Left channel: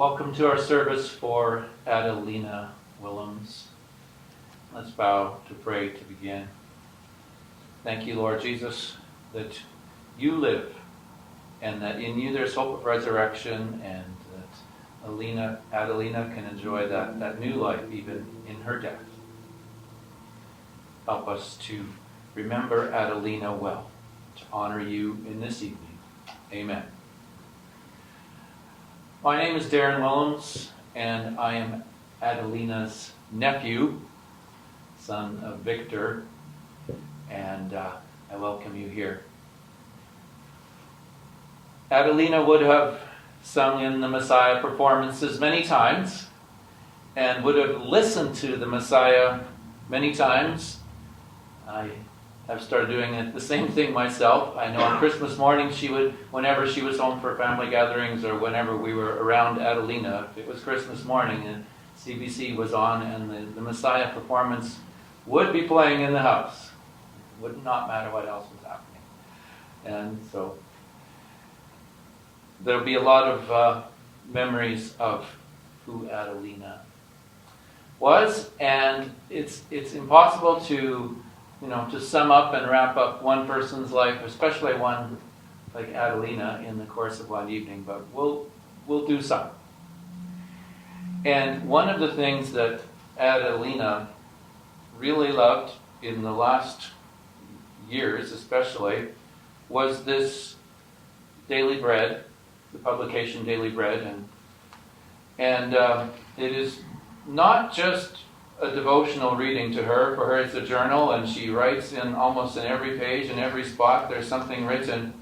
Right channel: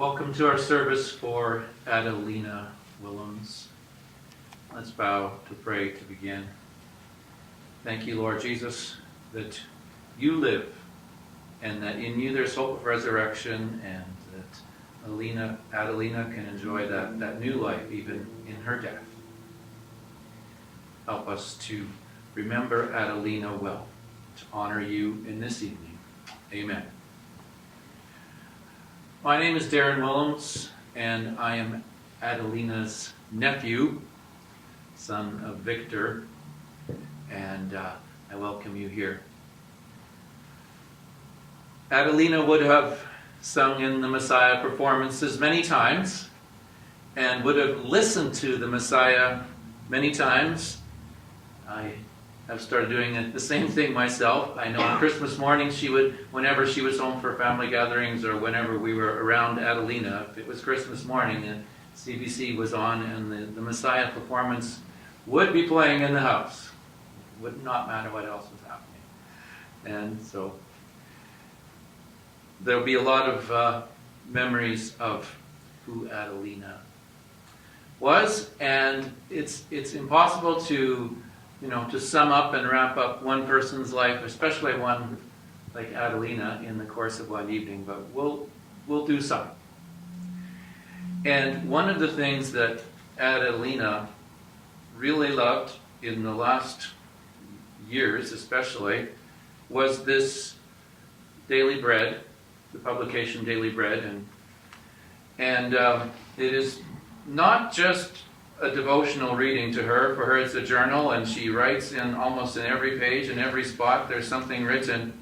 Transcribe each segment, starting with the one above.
Welcome to our service for AdelinaWillems. Let's bow to pray to begin. Thank you, Lord Jesus, that you live and that in you there's hope of resurrection, and that Adelina can enjoy that new life even in her death. Help us to remember Adelina well, to honor you in this evening. Amen. My name is Darren Willems, and I am Adelina's nephew, son of Victor, and I welcome you here. Adelina would have sung in the Messiah performances many times, and would have listened to the Messiah many times. I have started doing it, the same thing myself. I know on Christmas morning she would, whenever she was home for family gatherings or whenever we were around Adelina, if it was Christmas morning and CBC was on and the Messiah performance would be playing in the house. It would not matter what else was happening. And so there'll be a lot of memories of who Adelina was, and it's impossible to sum up and wrap up one person's life, especially one like Adelina, in the course of one evening, but we'll do some. And one of the things that Adelina really loved in the last years especially was this Daily Bread, the publication Daily Bread, and it is not just a devotional reading to her. For her it's a journal, and she writes in almost in every page, in every spot there's something written.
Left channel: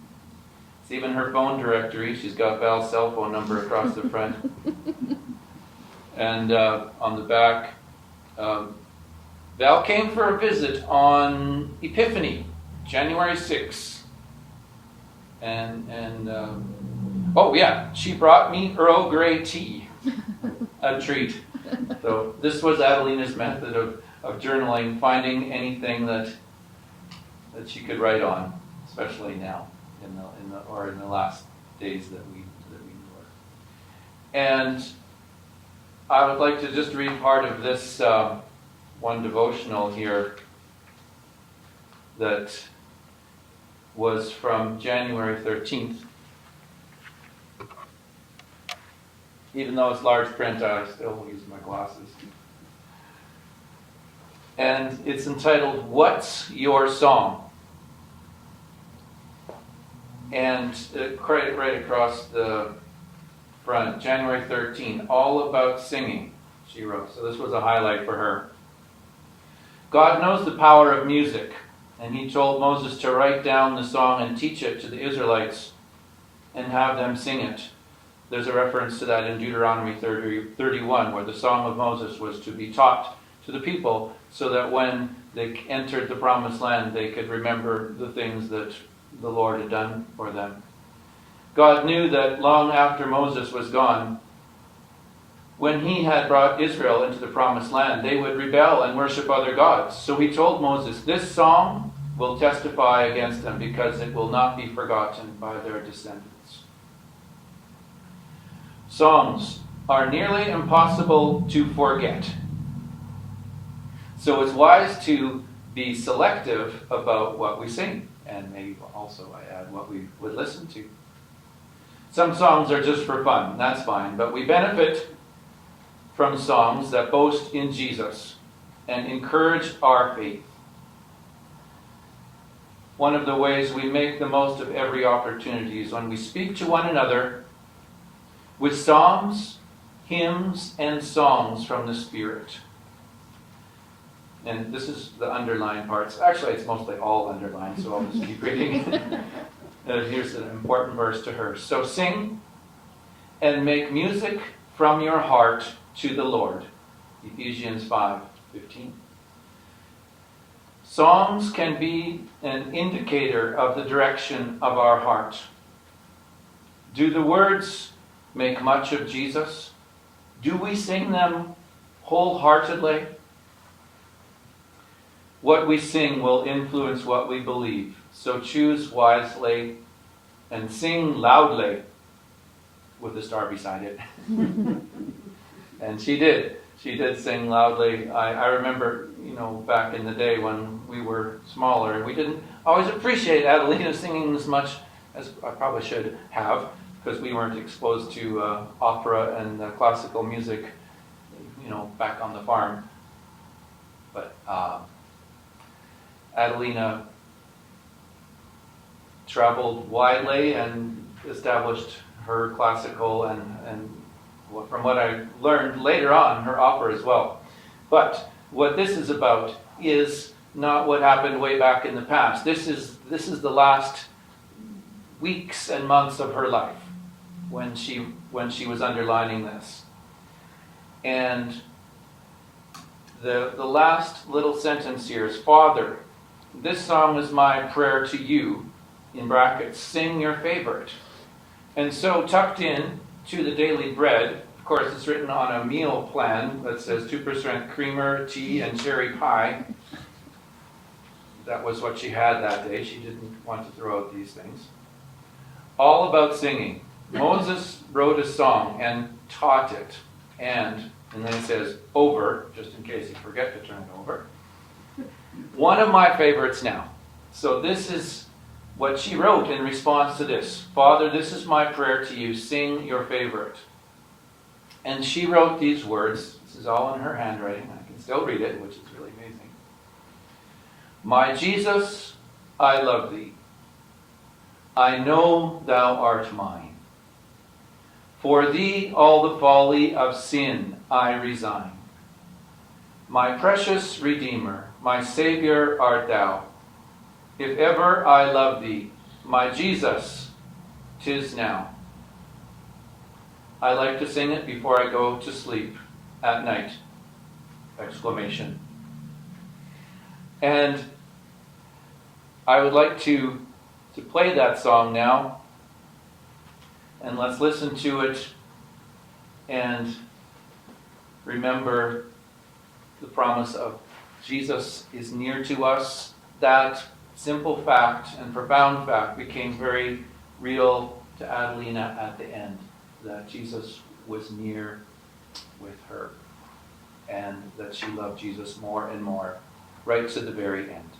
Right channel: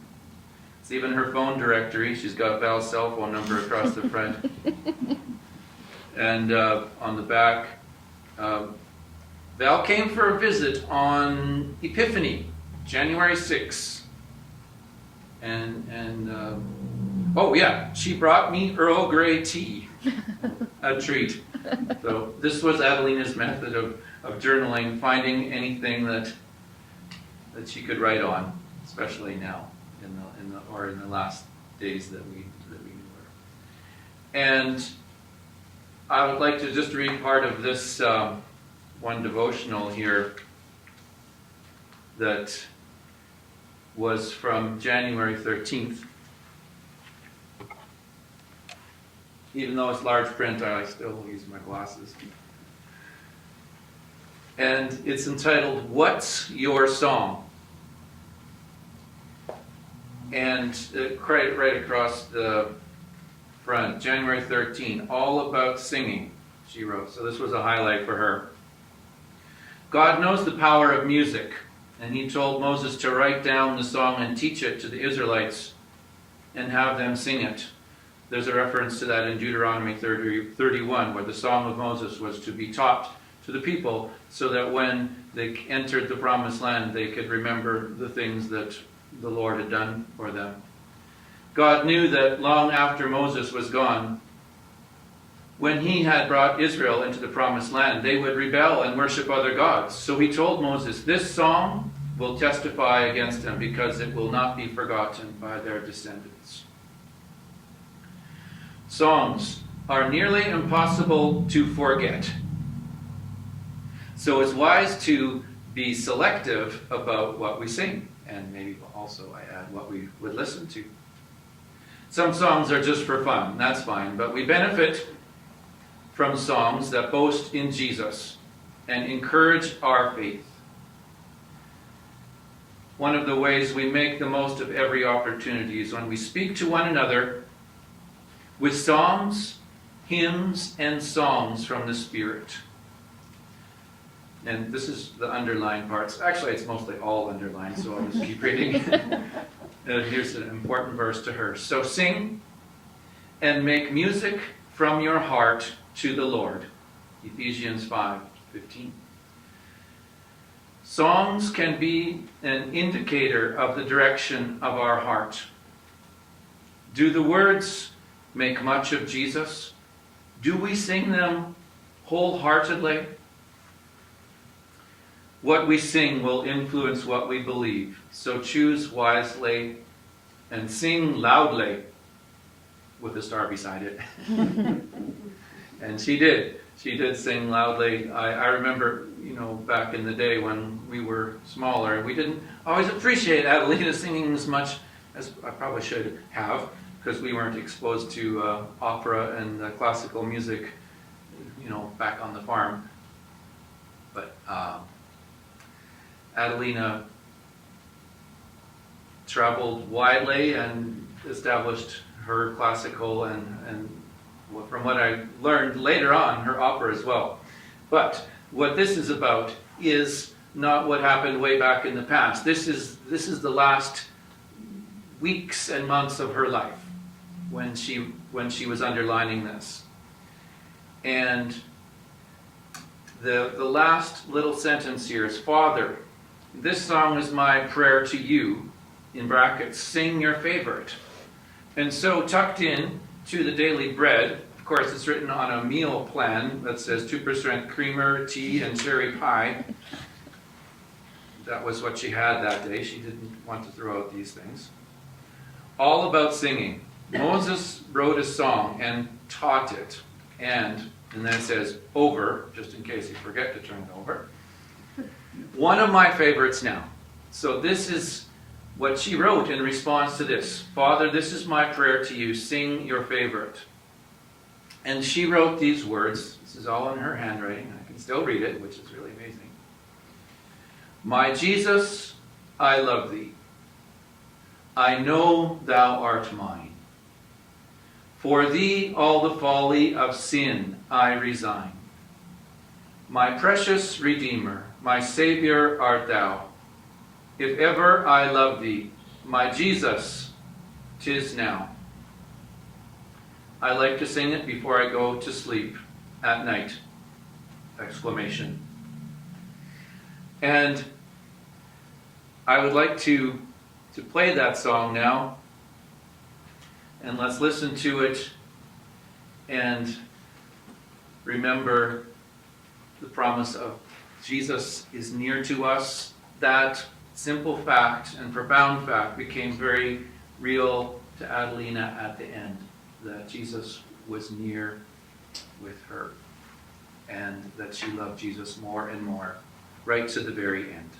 It's even her phone directory. She's got Val's cell phone number across the front. And on the back, Val came for a visit on Epiphany, January 6th. And oh yeah, she brought me Earl Grey tea, a treat. So this was Adelina's method of journaling, finding anything that she could write on, especially now in the last days that we knew her. And I would like to just read part of this one devotional here that was from January 13th. Even though it's large print, I still use my glasses. And it's entitled, "What's Your Song?" And right across the front, January 13, all about singing, she wrote. So this was a highlight for her. God knows the power of music, and he told Moses to write down the song and teach it to the Israelites and have them sing it. There's a reference to that in Deuteronomy 31, where the Song of Moses was to be taught to the people so that when they entered the Promised Land, they could remember the things that the Lord had done for them. God knew that long after Moses was gone, when he had brought Israel into the Promised Land, they would rebel and worship other gods. So he told Moses, "This song will testify against them because it will not be forgotten by their descendants." Songs are nearly impossible to forget. So it's wise to be selective about what we sing, and maybe also I add what we would listen to. Some songs are just for fun, that's fine, but we benefit from songs that boast in Jesus and encourage our faith. One of the ways we make the most of every opportunity is when we speak to one another with psalms, hymns, and songs from the Spirit. And this is the underlined parts. Actually, it's mostly all underlined, so I'll just keep reading. Here's an important verse to her. "So sing and make music from your heart to the Lord." Ephesians 5:15. Songs can be an indicator of the direction of our heart. Do the words make much of Jesus? Do we sing them wholeheartedly? What we sing will influence what we believe, so choose wisely and sing loudly. with a star beside it. And she did. She did sing loudly. I remember, back in the day when we were smaller, we didn't always appreciate Adelina singing as much as I probably should have, because we weren't exposed to opera and classical music, back on the farm. But Adelina traveled widely and established her classical and from what I learned later on, her opera as well. But what this is about is not what happened way back in the past. This is the last weeks and months of her life when she was underlining this. And the last little sentence here is, Father, this song is my prayer to you, in brackets, sing your favorite. And so tucked in to the daily bread, of course it's written on a meal plan that says 2% creamer, tea, and cherry pie. That was what she had that day. She didn't want to throw out these things. All about singing. Moses wrote a song and taught it. And then it says, over, just in case you forget to turn it over. One of my favorites now. So this is what she wrote in response to this. Father, this is my prayer to you. Sing your favorite. And she wrote these words. This is all in her handwriting. I can still read it, which is really amazing. My Jesus, I love thee. I know thou art mine. For thee all the folly of sin I resign. My precious Redeemer, my Savior art thou. If ever I love thee, my Jesus, 'tis now. I like to sing it before I go to sleep at night! Exclamation. And I would like to play that song now. And let's listen to it and remember the promise of Jesus is near to us. That simple fact and profound fact became very real to Adelina at the end, that Jesus was near with her and that she loved Jesus more and more, right to the very end.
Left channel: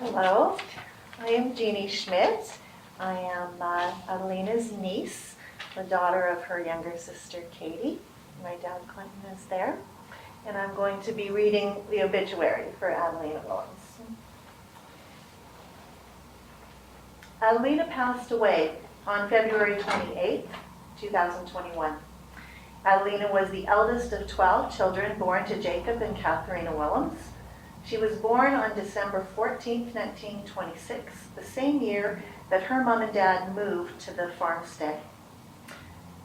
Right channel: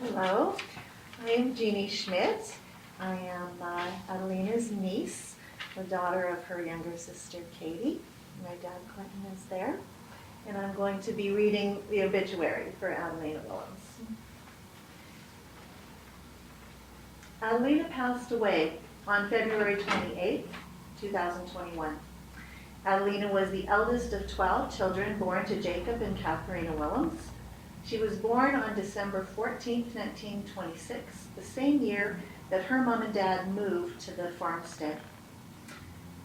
Hello, I am Jeannie Schmidt. I am Adelina's niece, the daughter of her younger sister Katie. My dad Clinton is there. And I'm going to be reading the obituary for AdelinaWillems. Adelina passed away on February 28, 2021. Adelina was the eldest of 12 children born to Jacob and Katharina Willems. She was born on December 14, 1926, the same year that her mom and dad moved to the farmstead.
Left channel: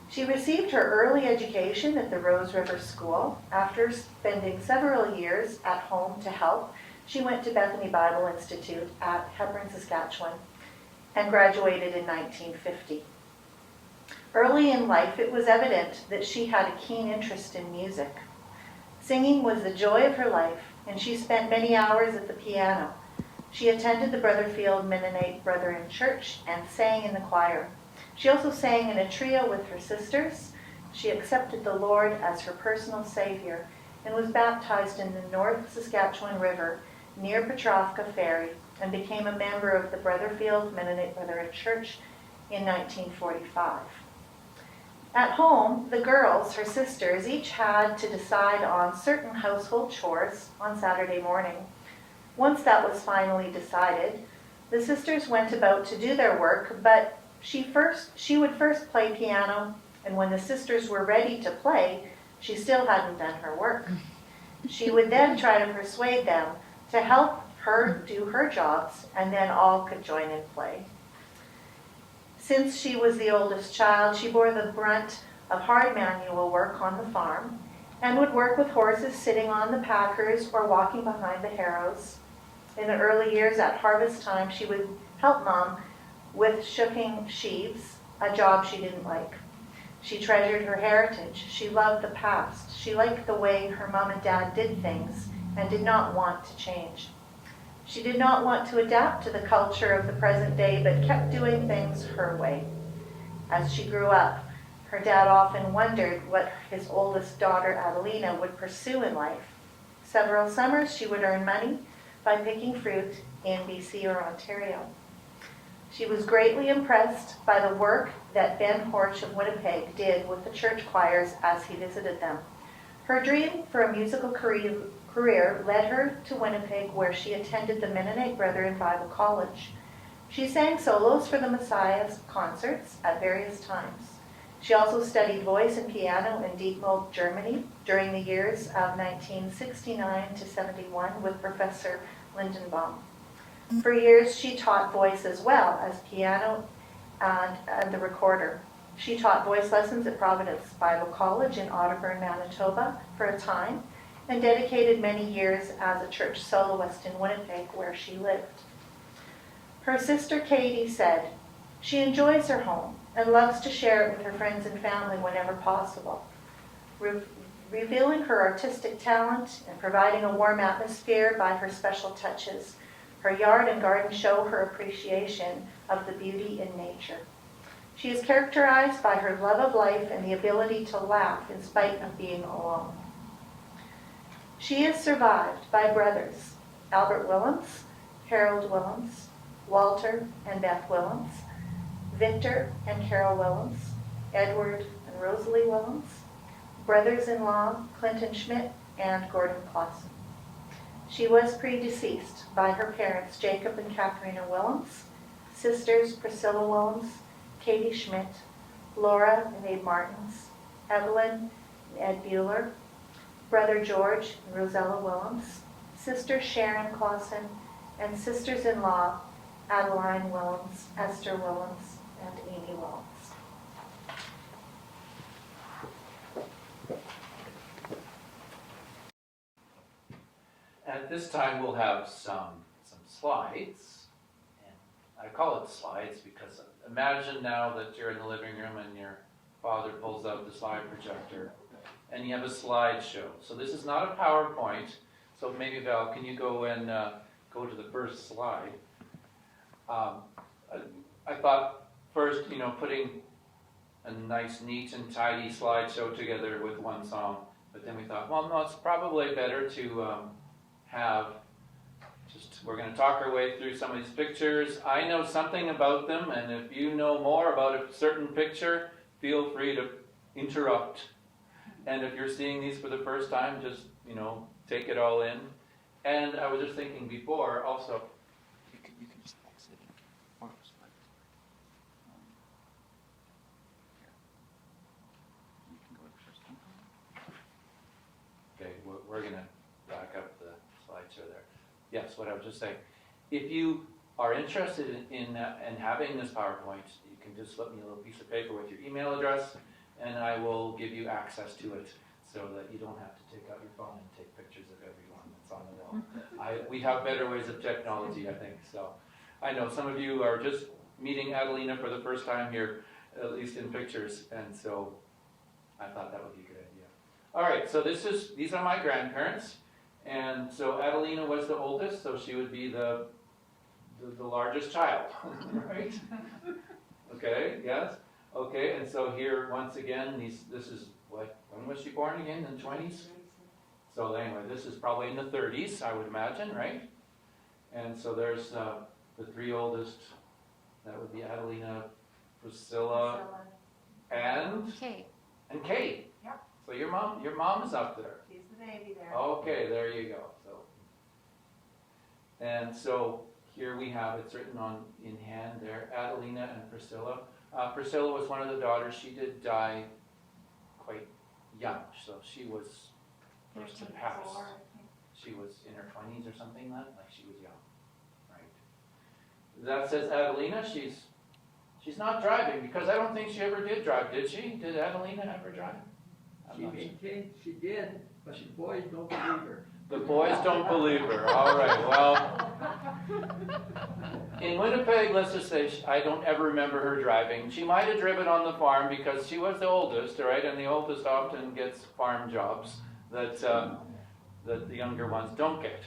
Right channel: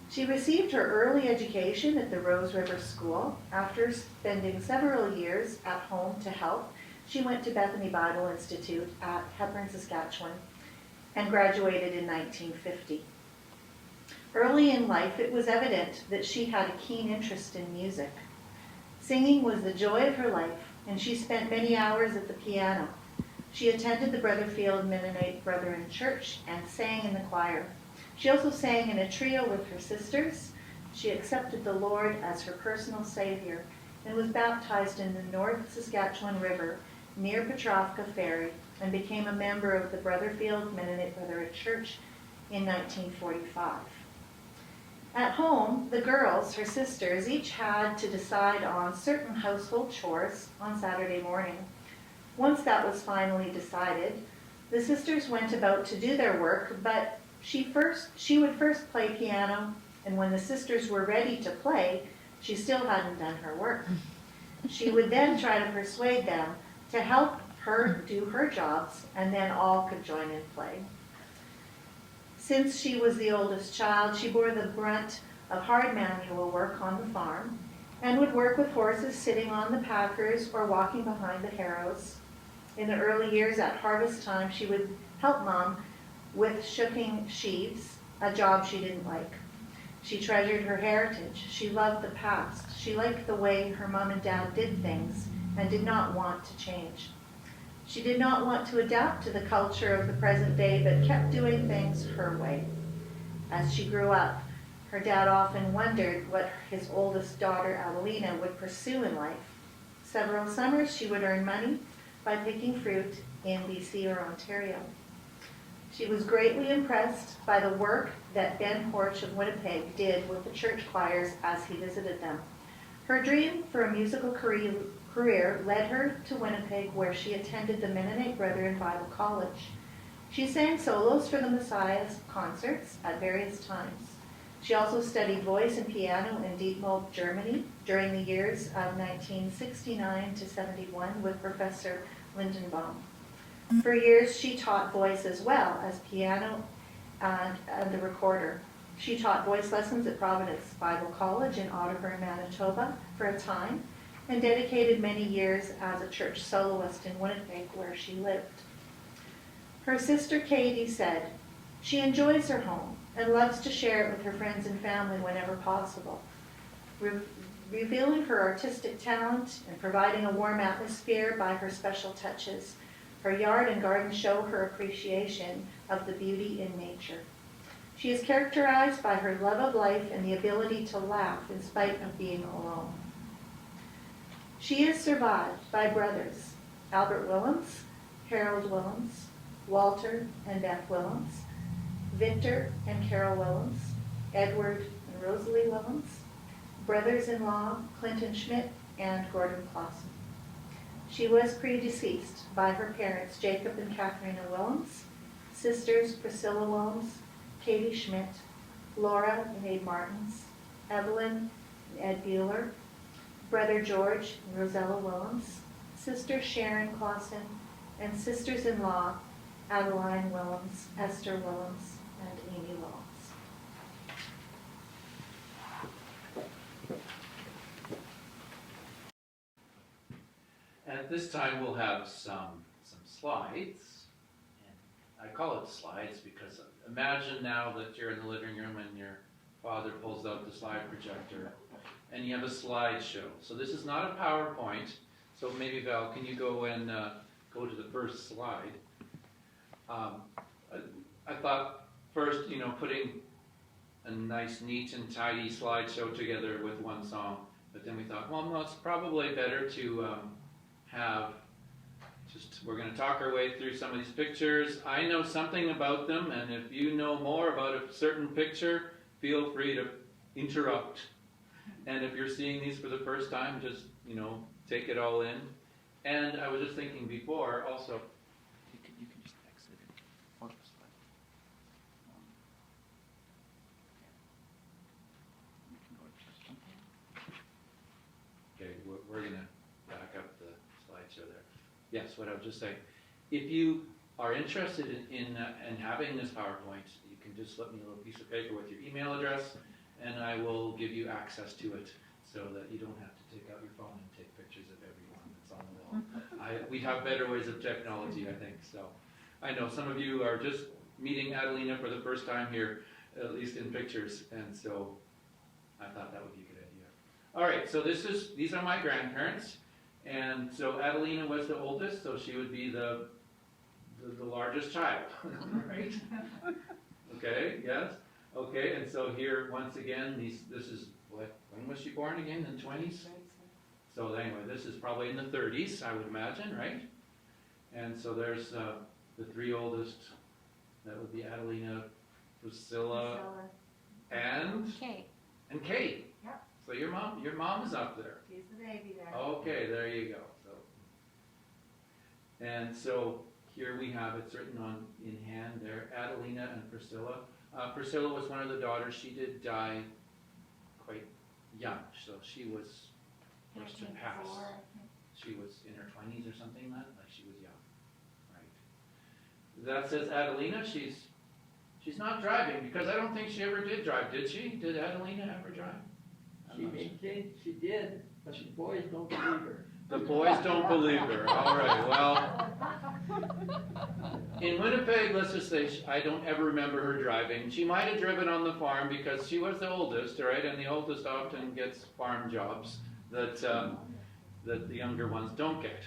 She received her early education at the Rose River School. After spending several years at home to help, she went to Bethany Bible Institute at Hepburn, Saskatchewan, and graduated in 1950. Early in life, it was evident that she had a keen interest in music. Singing was the joy of her life, and she spent many hours at the piano. She attended the Brotherfield Mennonite Brethren Church and sang in the choir. She also sang in a trio with her sisters. She accepted the Lord as her personal Savior and was baptized in the North Saskatchewan River near Petrovka Ferry and became a member of the Brotherfield Mennonite Brethren Church in 1945. At home, the girls, her sisters, each had to decide on certain household chores on Saturday morning. Once that was finally decided, the sisters went about to do their work, but she would first play piano, and when the sisters were ready to play, she still hadn't done her work. She would then try to persuade them to help her do her jobs, and then all could join in play. Since she was the oldest child, she bore the brunt of hard manual work on the farm and would work with horses sitting on the packers or walking behind the harrows. In the early years at harvest time, she would help Mom with shooking sheaves, a job she didn't like. She treasured her heritage. She loved the past. She liked the way her Mom and Dad did things and did not want to change. She did not want to adapt to the culture of the present day, but kept doing things her way. As she grew up, her dad often wondered what his oldest daughter, Adelina, would pursue in life. Several summers, she would earn money by picking fruit in BC or Ontario. She was greatly impressed by the work that Ben Horch of Winnipeg did with the church choirs as he visited them. Her dream for a musical career led her to Winnipeg, where she attended the Mennonite Brethren Bible College. She sang solos for the Messiah's concerts at various times. She also studied voice and piano in Dietmar, Germany during the years of 1969 to 71 with Professor Lindenbaum. For years, she taught voice as well as piano and the recorder. She taught voice lessons at Providence Bible College in Otterburn, Manitoba for a time, and dedicated many years as a church soloist in Winnipeg, where she lived. Her sister Katie said, "She enjoys her home and loves to share it with her friends and family whenever possible." Revealing her artistic talent and providing a warm atmosphere by her special touches, her yard and garden show her appreciation of the beauty in nature. She is characterized by her love of life and the ability to laugh in spite of being alone. She is survived by brothers Albert Willems, Harold Willems, Walter and Beth Willems, Victor and Carol Willems, Edward and Rosalie Willems, brothers-in-law Clinton Schmidt and Gordon Clausen. She was predeceased by her parents Jacob and Katharina Willems, sisters Priscilla Willems, Katie Schmidt, Laura and Abe Martins, Evelyn and Ed Bueller, brother George and Rosella Willems, sister Sharon Clausen, and sisters-in-law Adeline Willems, Esther Willems, and Amy Willems. And at this time, we'll have some slides. And I call it slides because imagine now that you're in the living room and your father pulls out the slide projector and you have a slideshow. So this is not a PowerPoint. So maybe Val, can you go and go to the first slide? I thought first, putting a nice, neat and tidy slideshow together with one song. But then we thought, well, no, it's probably better to have just we're going to talk our way through some of these pictures. I know something about them, and if you know more about a certain picture, feel free to interrupt. And if you're seeing these for the first time, just, take it all in. And I was just thinking before, also, You can just exit it. Or just like, yeah. You can go to first one. okay, we're going to back up the slideshow there. Yes, what I was just saying. If you are interested in having this PowerPoint, you can just slip me a little piece of paper with your email address, and I will give you access to it so that you don't have to take out your phone and take pictures of everyone that's on the wall. We have better ways of technology, I think. So I know some of you are just meeting Adelina for the first time here, at least in pictures, and so I thought that would be a good idea. All right, so these are my grandparents, and so Adelina was the oldest, so she would be the largest child, right? Okay, yes. Okay, and so here, once again, this is when was she born again? In the 20s? So anyway, this is probably in the 30s, I would imagine, right? And so there's the three oldest. That would be Adelina, Priscilla, and Kate. Yep. So your mom is up there. She's the baby there. Okay, there you go. And so here we have it's written in hand there, Adelina and Priscilla. Priscilla was one of the daughters. She did die quite young, so she was first to pass. She was in her 20s or something like she was young, right? That says Adelina. She's not driving because I don't think she ever did drive, did she? Did Adelina ever drive? She did, but the boys don't believe her. The boys don't believe her. All right, well, in Winnipeg, let's just say I don't ever remember her driving. She might have driven on the farm because she was the oldest, right? And the oldest often gets farm jobs that the younger ones don't get.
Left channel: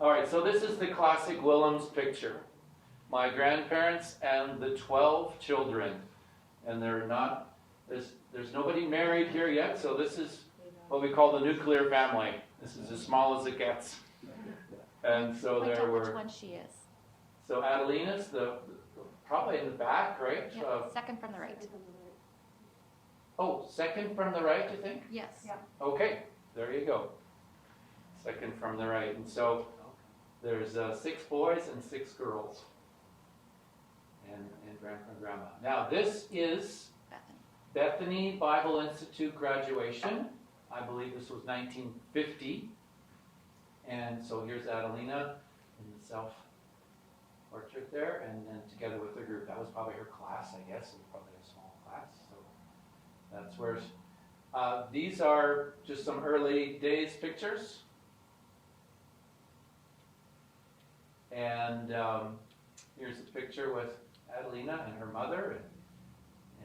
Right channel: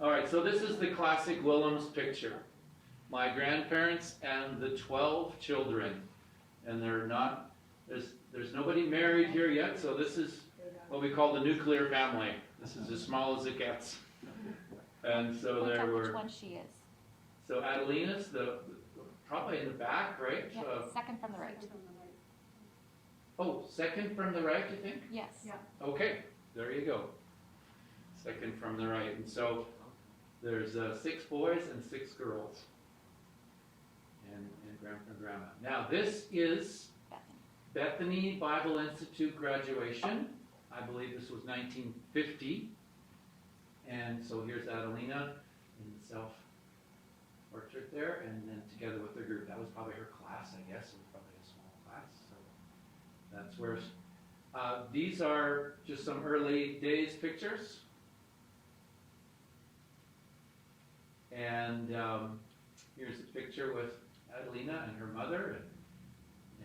All right, so this is the classic Willems picture. My grandparents and the 12 children. And there's nobody married here yet, so this is what we call the nuclear family. This is as small as it gets. And so there were... Which one she is. So Adelina's probably in the back, right? Yeah, second from the right. Oh, second from the right, you think? Yes. Yeah. Okay, there you go. Second from the right. And so there's 6 boys and 6 girls. And grandpa and grandma. Now this is Bethany Bible Institute graduation. I believe this was 1950. And so here's Adelina in the self-portrait there, and then together with her group. That was probably her class, I guess. It was probably a small class. So that's where... these are just some early days pictures. And here's a picture with Adelina and her mother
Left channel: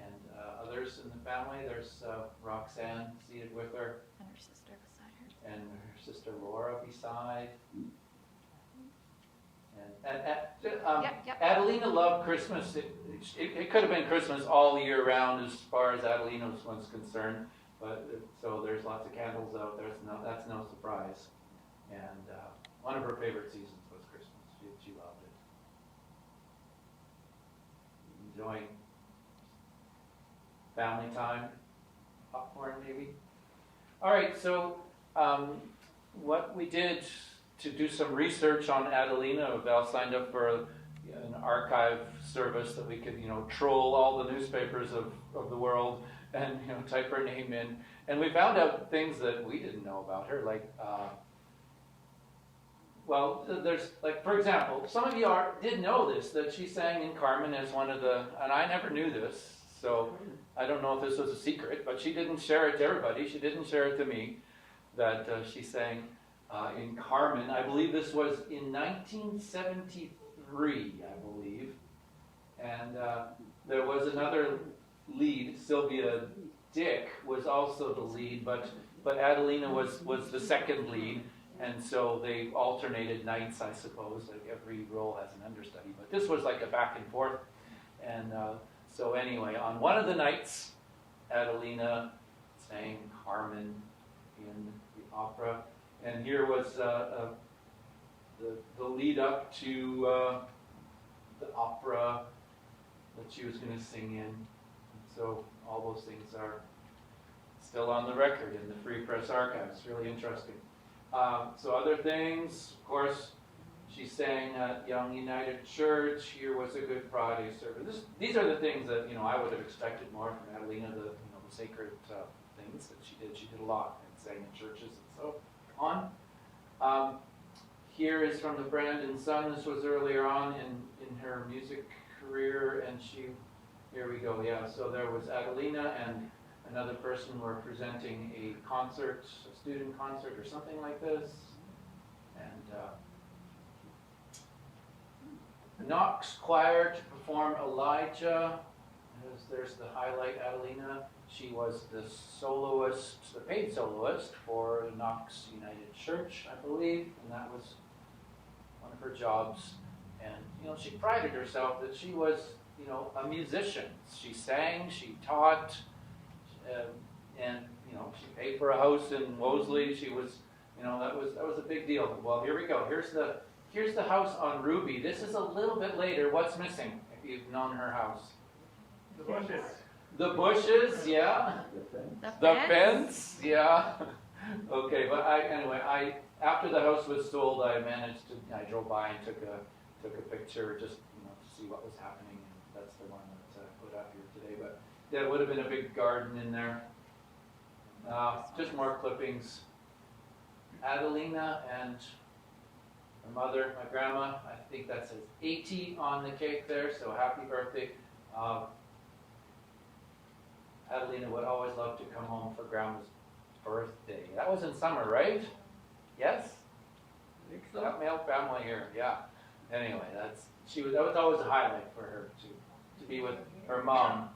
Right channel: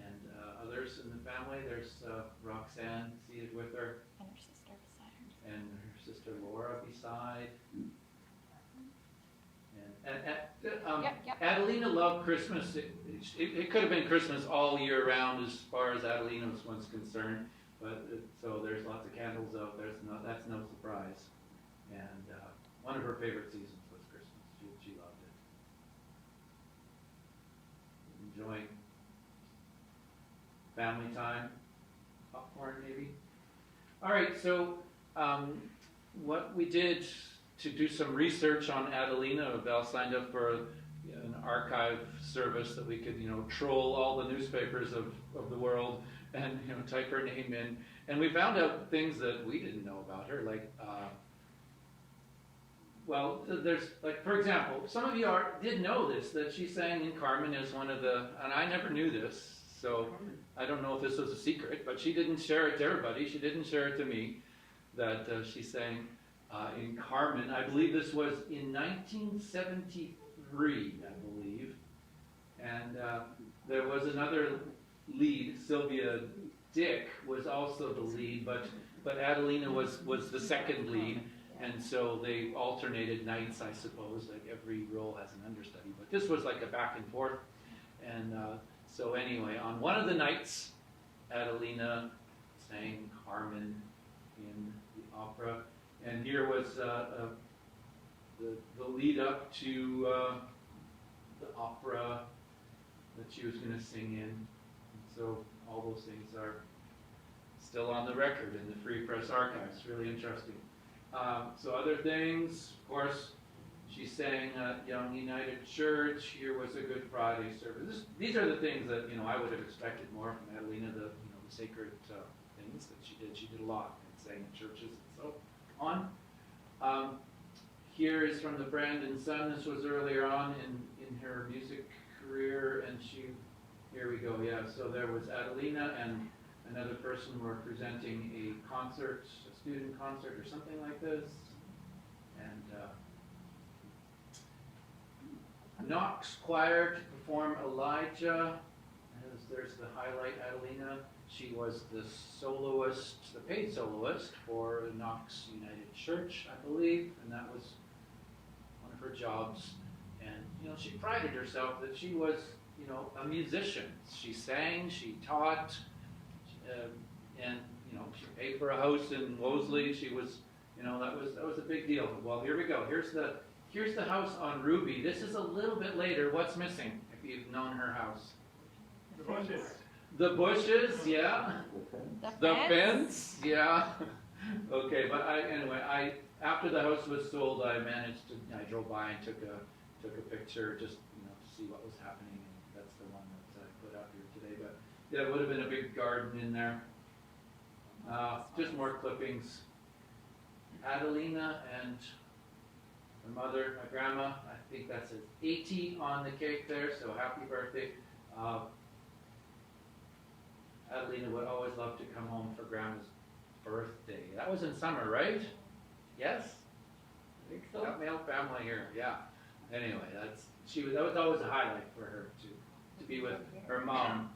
and others in the family. There's Roxanne seated with her. And her sister beside her. And her sister Laura beside. And Yep. Adelina loved Christmas. It could have been Christmas all year round as far as Adelina was concerned. But so there's lots of candles out there. So that's no surprise. And one of her favorite seasons was Christmas. She loved it. Enjoying family time, popcorn maybe. All right, so what we did to do some research on Adelina, Val signed up for an archive service that we could, troll all the newspapers of the world and, type her name in. And we found out things that we didn't know about her, like, there's, like, for example, some of you did know this, that she sang in Carmen as one of the, and I never knew this, so I don't know if this was a secret, but she didn't share it to everybody. She didn't share it to me, that she sang in Carmen. I believe this was in 1973, I believe. And there was another lead, Sylvia Dick was also the lead, but Adelina was the second lead. And so they alternated nights, I suppose, like every role has an understudy. But this was like a back and forth. And so anyway, on one of the nights, Adelina sang Carmen in the opera. And here was the the lead up to the opera that she was going to sing in. And so all those things are still on the record in the Free Press Archives. Really interesting. So other things, of course, she sang at Young United Church. Here was a Good Friday service. These are the things that I would have expected more from Adelina. The sacred things that she did. She did a lot and sang in churches and so on. Here is from the Brandon Sun. This was earlier on in her music career, and here we go. Yeah. So there was Adelina and another person were presenting a concert, a student concert or something like this, and Knox Choir to perform Elijah. There's the highlight, Adelina. She was the soloist, the paid soloist for Knox United Church, I believe, and that was one of her jobs. And she prided herself that she was, a musician. She sang, she taught, and she paid for a house in Wolseley. She was, that was a big deal. Well, here we go. Here's the house on Ruby. This is a little bit later. What's missing? If you've known her house, The bushes. the bushes, yeah. The The fence? fence, yeah. Okay, but I after the house was sold, I drove by and took a picture just to see what was happening. And that's the one that I put up here today. But yeah, it would have been a big garden in there. Just more clippings. Adelina and her mother, my grandma. I think that says 80 on the cake there. So happy birthday. Adelina would always love to come home for Grandma's birthday. That was in summer, right? Yes? I think so. That male family here, yeah. Anyway, that was always a highlight for her to be with her mom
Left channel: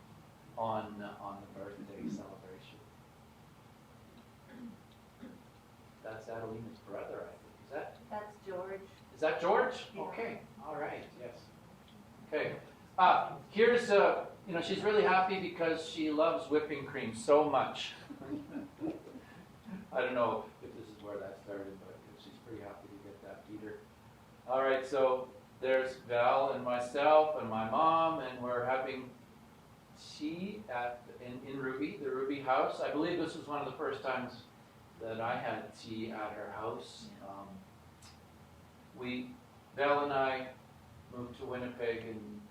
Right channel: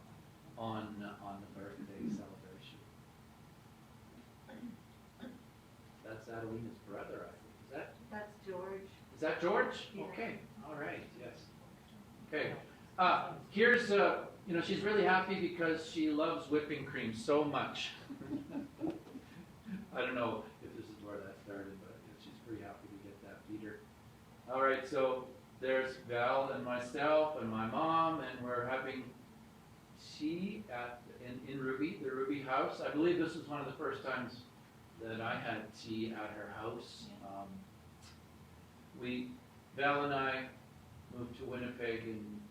on the birthday celebration. That's Adelina's brother, I think. That's George. Is that George? Yeah. Okay, all right, yes. Okay, here's, she's really happy because she loves whipping cream so much. I don't know if this is where that started, but she's pretty happy to get that feeder. All right, so there's Val and myself and my mom, and we're having tea in Ruby, the Ruby house. I believe this was one of the first times that I had tea at her house. Val and I moved to Winnipeg in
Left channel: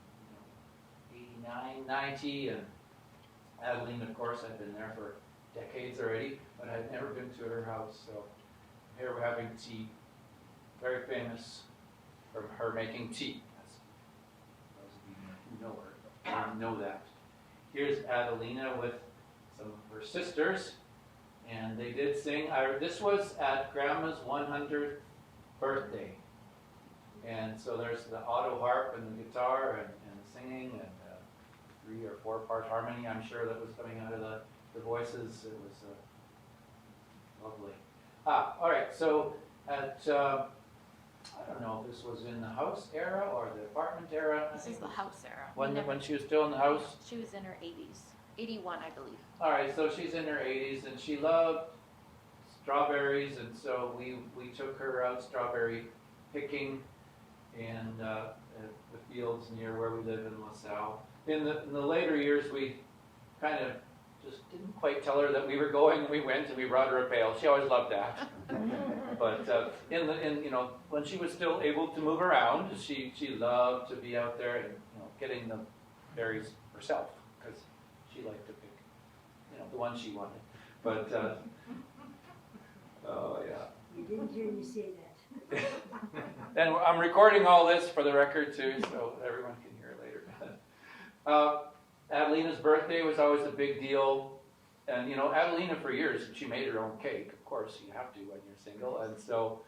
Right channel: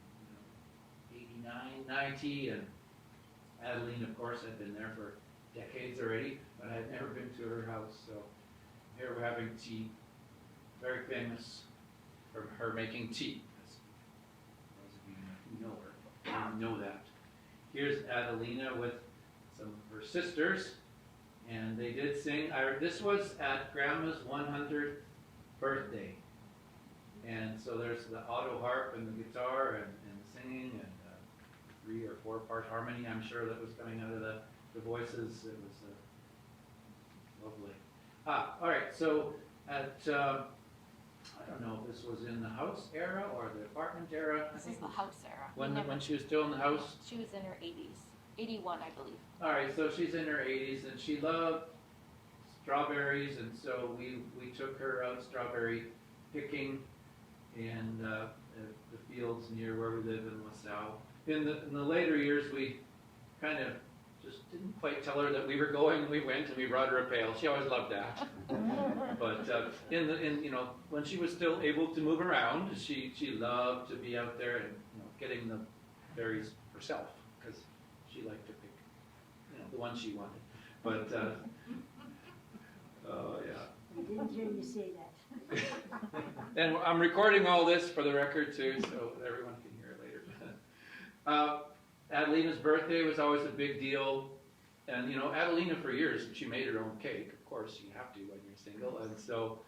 89, 90, and Adeline, of course, had been there for decades already, but I had never been to her house. So here we're having tea, very famous for her making tea. As those of you who know her know that. Here's Adelina with some of her sisters, and they did sing. This was at Grandma's 100th birthday. And so there's the auto harp and the guitar and the singing and 3 or 4 part harmony, I'm sure, that was coming out of the voices. It was lovely. All right, so at, I don't know if this was in the house era or the apartment era. This is the house era. When she was still in the house? She was in her 80s. 81, I believe. All right, so she's in her 80s, and she loved strawberries, and so we took her out strawberry picking in the fields near where we live in LaSalle. In the later years, we kind of just didn't quite tell her that we were going. We went and we brought her a pail. She always loved that. But when she was still able to move around, she loved to be out there and getting the berries herself because she liked to pick the one she wanted. But oh yeah. We didn't hear you say that. And I'm recording all this for the record too, so everyone can hear it later. Adelina's birthday was always a big deal. And Adelina for years, she made her own cake. Of course, you have to when you're single. And so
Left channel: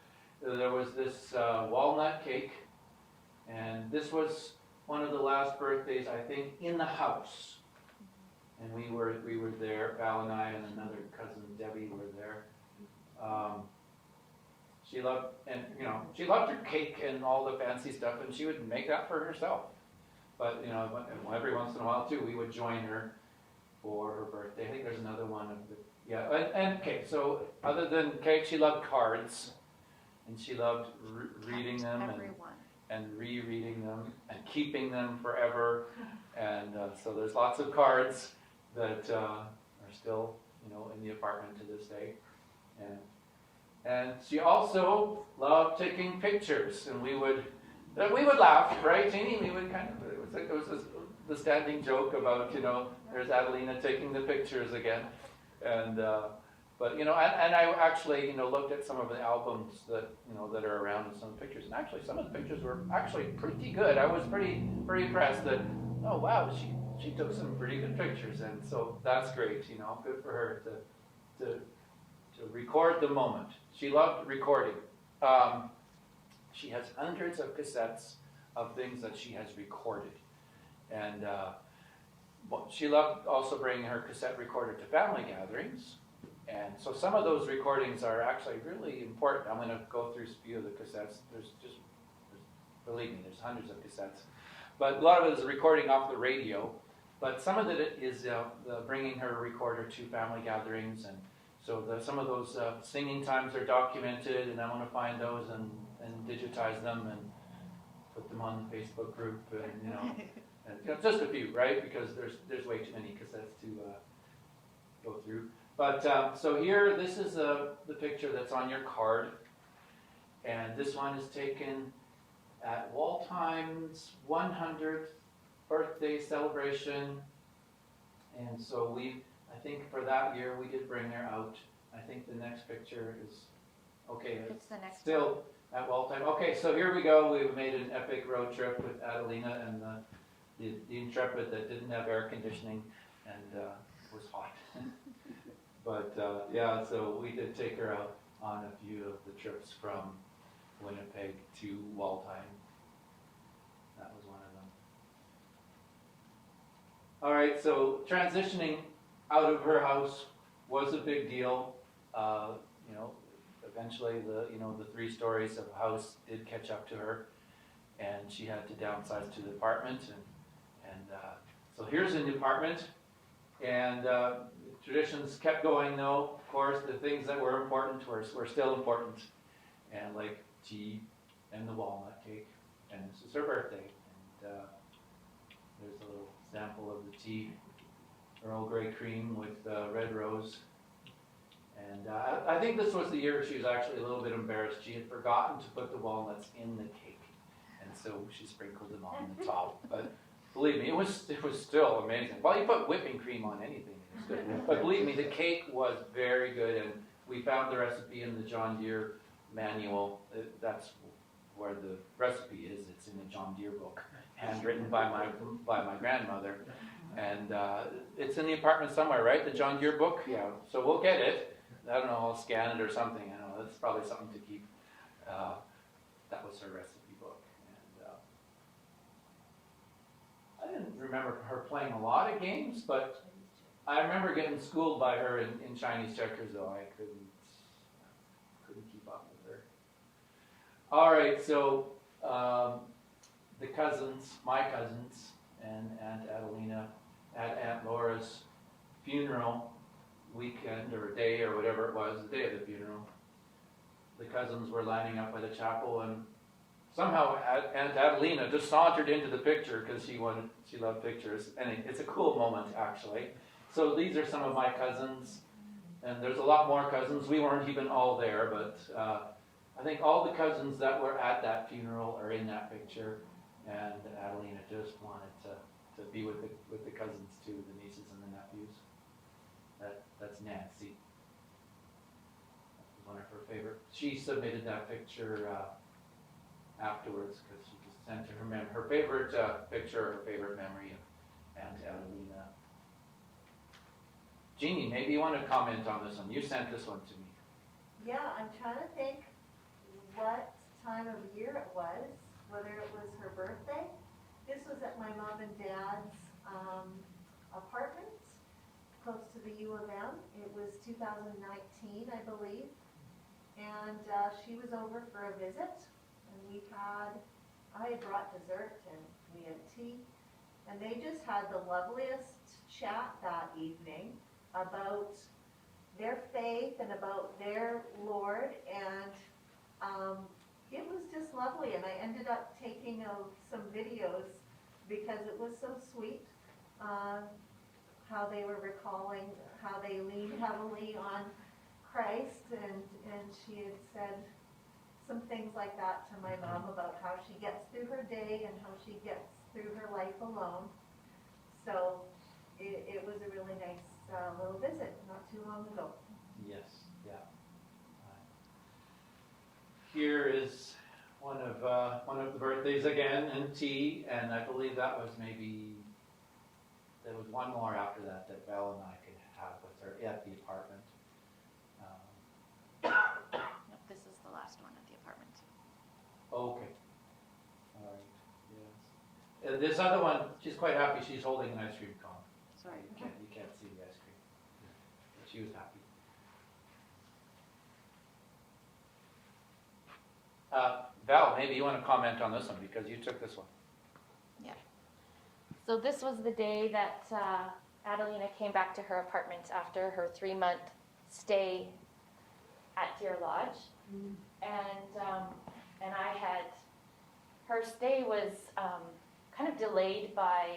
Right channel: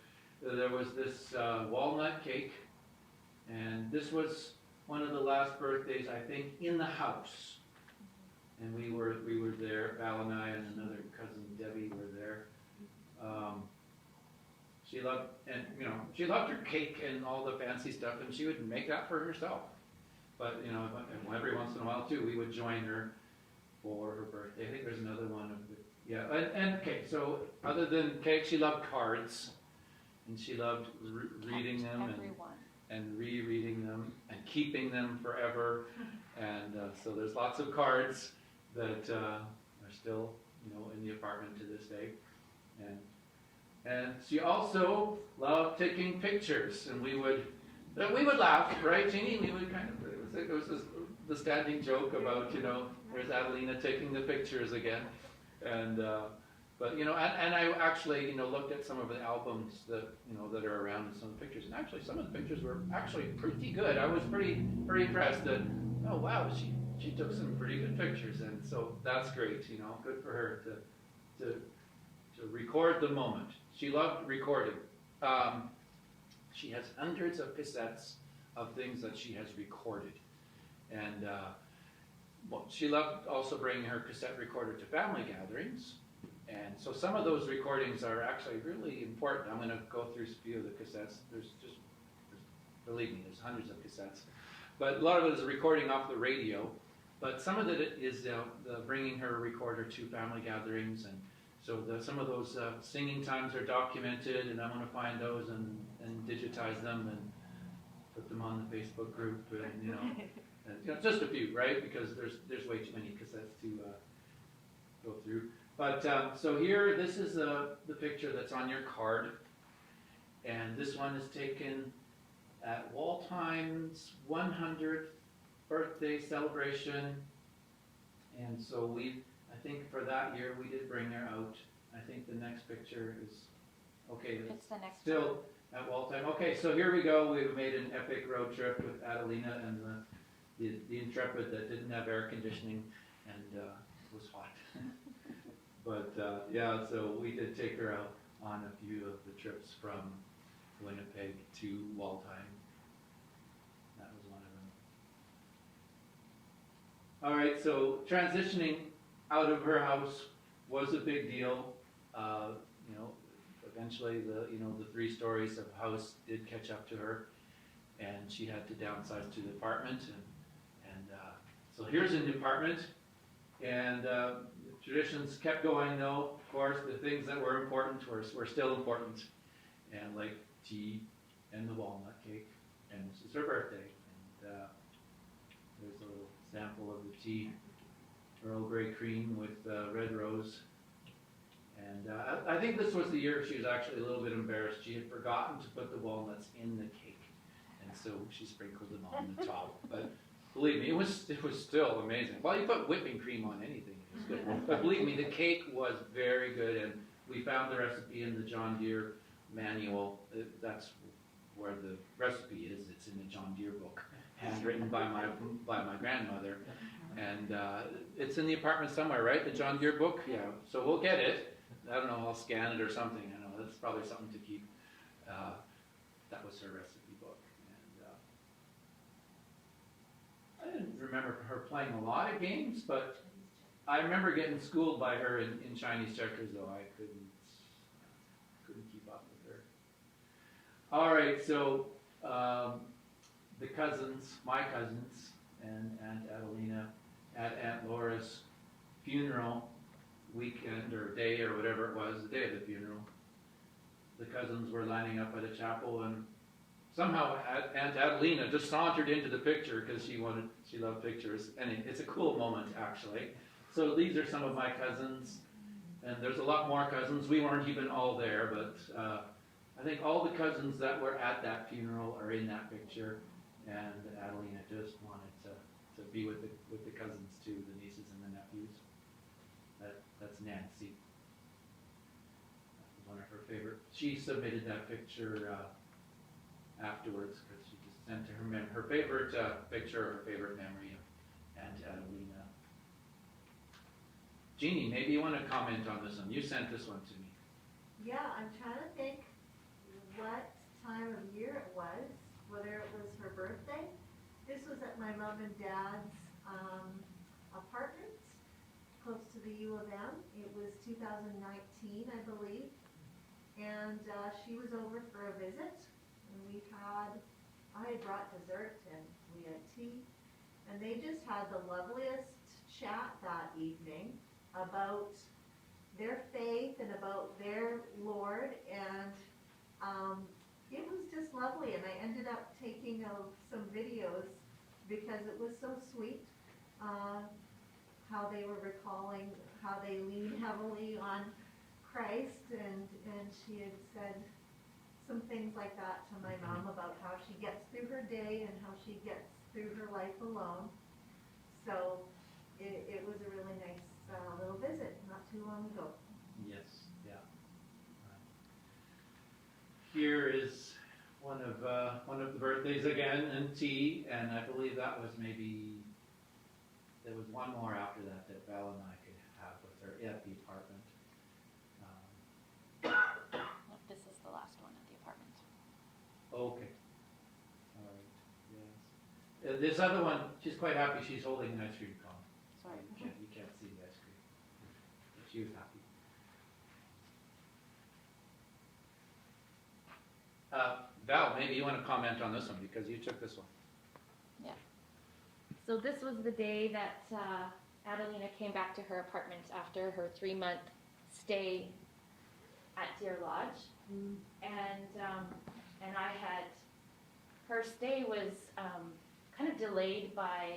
there was this walnut cake. And this was one of the last birthdays, I think, in the house. And we were there, Val and I and another cousin, Debbie, were there. She loved her cake and all the fancy stuff, and she would make that for herself. But every once in a while too, we would join her for her birthday. I think there's another one of the and cake. So other than cake, she loved cards, and she loved reading them Everyone. and rereading them and keeping them forever. And so there's lots of cards that are still, in the apartment to this day. And she also loved taking pictures, and we would laugh, right, Jeannie? We would kind of, it was the standing joke about, there's Adelina taking the pictures again. And but and I actually looked at some of the albums that that are around and some of the pictures, and actually some of the pictures were actually pretty good. I was pretty impressed that, oh wow, she took some pretty good pictures, and so that's great. Good for her to record the moment. She loved recording. She has hundreds of cassettes of things that she has recorded, and she loved also bringing her cassette recorder to family gatherings. And so some of those recordings are actually really important. I'm going to go through a few of the cassettes. Believe me, there's hundreds of cassettes. But a lot of it is a recording off the radio. But some of it is the bringing her recorder to family gatherings. And so some of those singing times are documented, and I want to find those and digitize them and put them on the Facebook group. And, and just a few, right? Because there's way too many cassettes to go through. But so here, this is the picture that's on your card, and this one is taken at Waldheim's 100th birthday celebration. And so I think for that year we did bring her out. I think the next picture is okay. It's the next still one. At Waldheim. Okay, so here we go. We've made an epic road trip with Adelina and the Intrepid that didn't have air conditioning and was hot. But yeah, so we did take her out on a few of the trips from Winnipeg to Waldheim. That was one of them. All right, so transitioning out of her house was a big deal. Eventually the 3 stories of house did catch up to her, and she had to downsize to the apartment. And so here's a new apartment. And traditions kept going, though. Of course, the things that were important were still important, and like tea and the walnut cake. And this is her birthday. And there's a little sample of the tea, Earl Grey cream with red rose. And I think this was the year she was actually a little bit embarrassed. She had forgotten to put the walnuts in the cake, and so she sprinkled them on the top. But believe me, it was still amazing. Well, you put whipping cream on anything, it's good. But believe me, the cake was very good, and we found the recipe in the John Deere manual. That's where the recipe is. It's in the John Deere book, handwritten by my grandmother, and it's in the apartment somewhere, right? The John Deere book, yeah. So we'll get it. I don't know. I'll scan it or something. I know that's probably something to keep. That was her recipe book. I didn't remember her playing a lot of games, but I remember getting schooled by her in Chinese checkers, though I couldn't keep up with her. All right, so the cousins, my cousins, and Aunt Adelina at Aunt Laura's funeral weekend or day or whatever it was, the day of the funeral. The cousins were lining up at a chapel, and somehow Aunt Adelina just sauntered into the picture because she loved pictures, and it's a cool moment actually. So these are some of my cousins, and there's a lot more cousins. We weren't even all there, but I think all the cousins that were at that funeral are in that picture, and Adelina just wanted to be with the cousins too, the nieces and the nephews. That's Nancy. That was one of her favorite. She submitted that picture afterwards because she just sent her favorite picture, her favorite memory of Aunt Adelina. Jeannie, maybe you want to comment on this one. You sent this one to me. Yeah, I'm trying to think what time of year it was, whether it was her birthday. This was at my mom and dad's apartment, close to the U of M. It was 2019, I believe. And she was over for a visit, and I had brought dessert, and we had tea. And they just had the loveliest chat that evening about their faith and about their Lord. And It was just lovely, and I ended up taking some videos because it was so sweet. How they were recalling how they lean heavily on Christ, and she had said some things like that to my mom about how she gets through her day and how she gets through her life alone. So it was a really nice little visit not too long ago. Yes, yeah. Here is one of the birthdays again in T, and I believe that was maybe, there was one more after that that Val and I could have with her at the apartment. No, this is the last one at the apartment. Okay. All right, yes. This other one, she's quite happy, she's holding an ice cream cone. Sorry. You can't see the ice cream. But she was happy. Val, maybe you want to comment on this one because you took this one. Yeah. So this was the day that Adelina came back to her apartment after her 3-month stay at Deer Lodge, and I had, her stay was kind of delayed by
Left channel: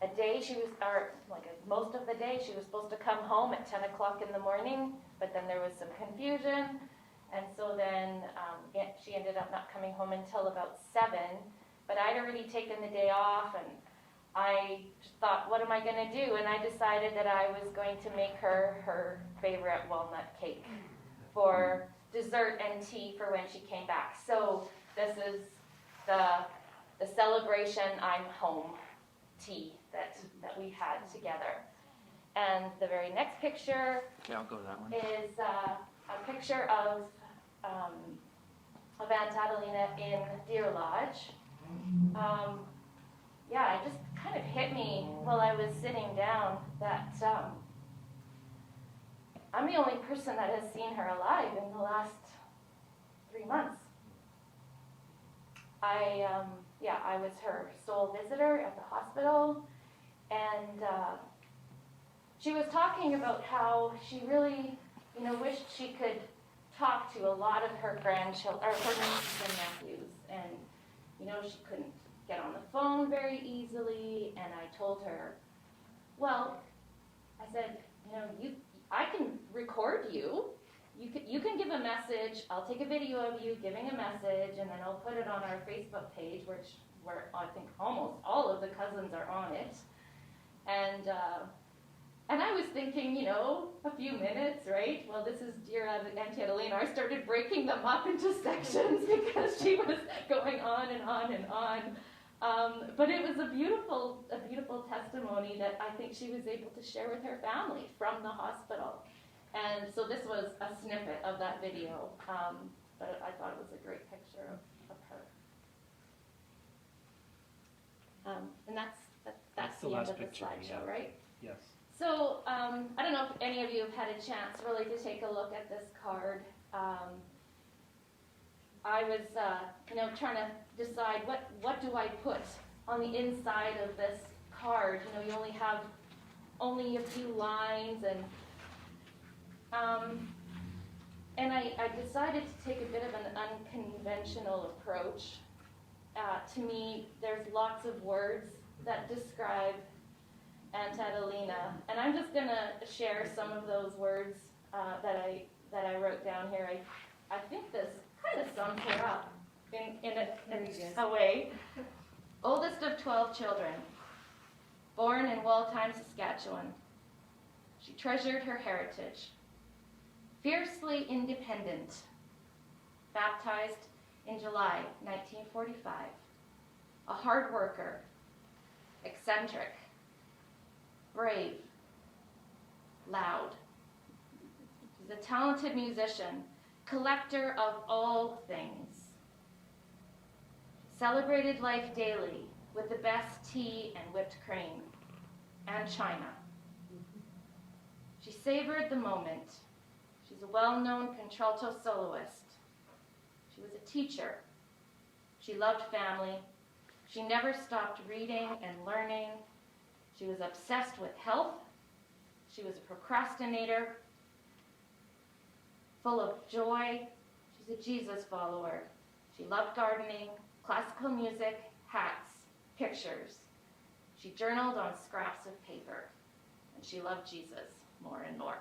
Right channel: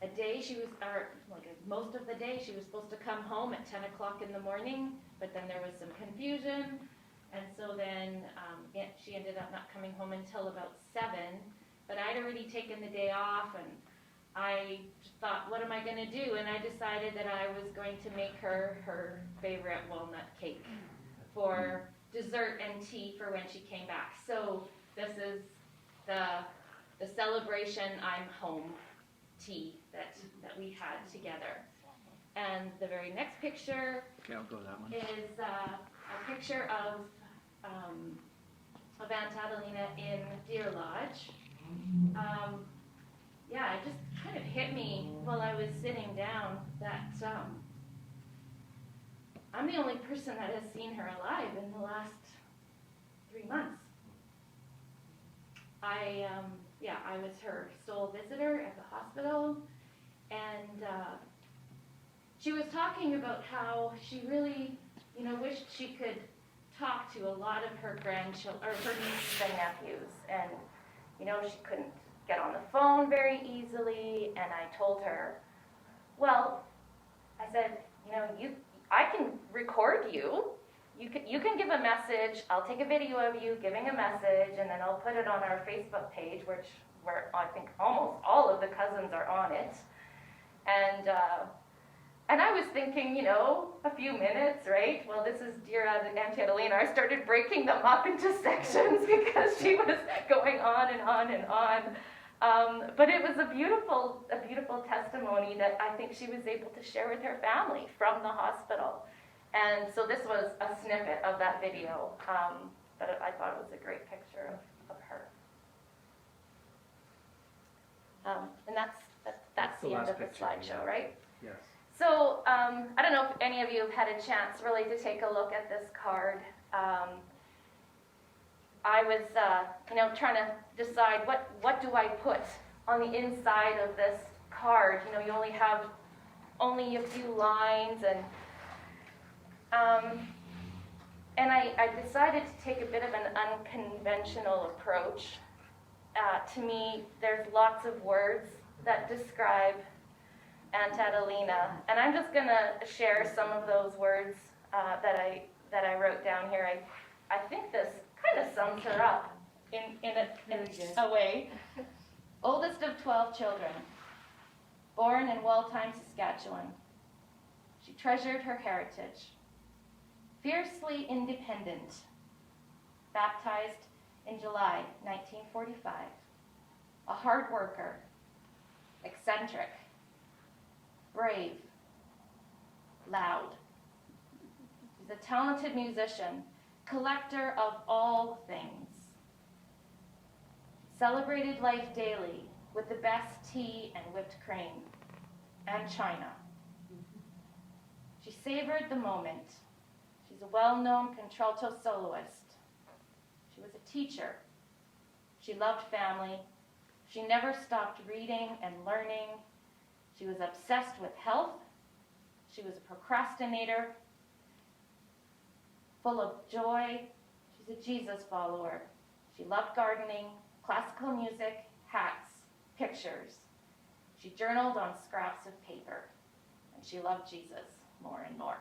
a day. She was, or like most of the day, she was supposed to come home at 10 o'clock in the morning, but then there was some confusion. And so then she ended up not coming home until about 7. But I'd already taken the day off, and I just thought, what am I going to do? And I decided that I was going to make her favorite walnut cake for dessert and tea for when she came back. So this is the celebration I'm home tea that we had together. And the very next picture Okay, I'll go that one. is a picture of Aunt Adelina in Deer Lodge. Yeah, it just kind of hit me while I was sitting down that I'm the only person that has seen her alive in the last 3 months. I was her sole visitor at the hospital, and she was talking about how she really, wished she could talk to a lot of her grandchildren, or her nieces and nephews, and, she couldn't get on the phone very easily, and I told her, well, I said, I can record you. You can give a message. I'll take a video of you giving a message, and then I'll put it on our Facebook page, where I think almost all of the cousins are on it. And I was thinking, a few minutes, right? Well, this is dear Auntie Adelina. I started breaking them up into sections because she was going on and on and on. But it was a beautiful testimony that I think she was able to share with her family from the hospital. And so this was a snippet of that video, but I thought it was a great picture of her. And that's the end last of the picture, slideshow, yeah. right? Yes. So I don't know if any of you have had a chance really to take a look at this card. I was, trying to decide what do I put on the inside of this card. You only have a few lines, and I decided to take a bit of an unconventional approach. To me, there's lots of words that describe Aunt Adelina, and I'm just going to share some of those words that I wrote down here. I think this kind of sums her up in a way. Oldest of 12 children, born in Waltheim, Saskatchewan. She treasured her heritage. Fiercely independent, baptized in July 1945. A hard worker, eccentric, brave, loud. She's a talented musician, collector of all things. Celebrated life daily with the best tea and whipped cream, and china. She savored the moment. She's a well-known contralto soloist. She was a teacher. She loved family. She never stopped reading and learning. She was obsessed with health. She was a procrastinator, full of joy. She's She's a Jesus follower. She loved gardening, classical music, hats, pictures. She journaled on scraps of paper, and she loved Jesus more and more.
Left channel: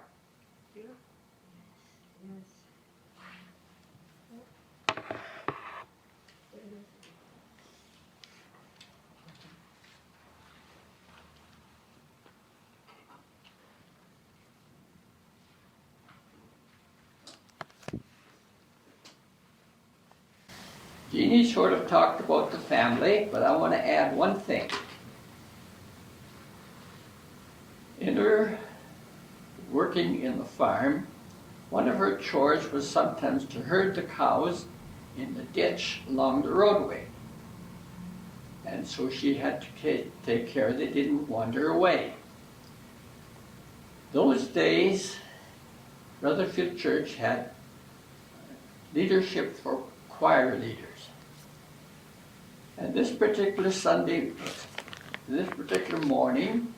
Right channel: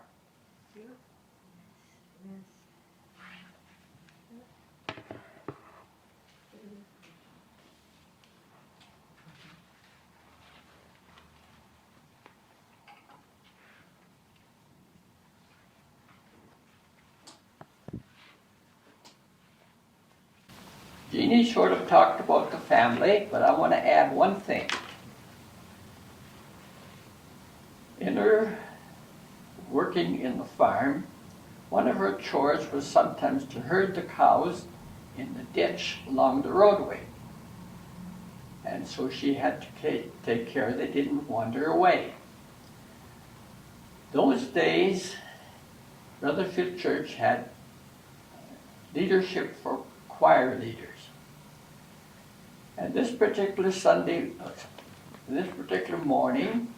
Jeannie sort of talked about the family, but I want to add one thing. In her working in the farm, one of her chores was sometimes to herd the cows in the ditch along the roadway. And so she had to take care they didn't wander away. Those days, Rutherford Church had leadership for choir leaders. And this particular morning,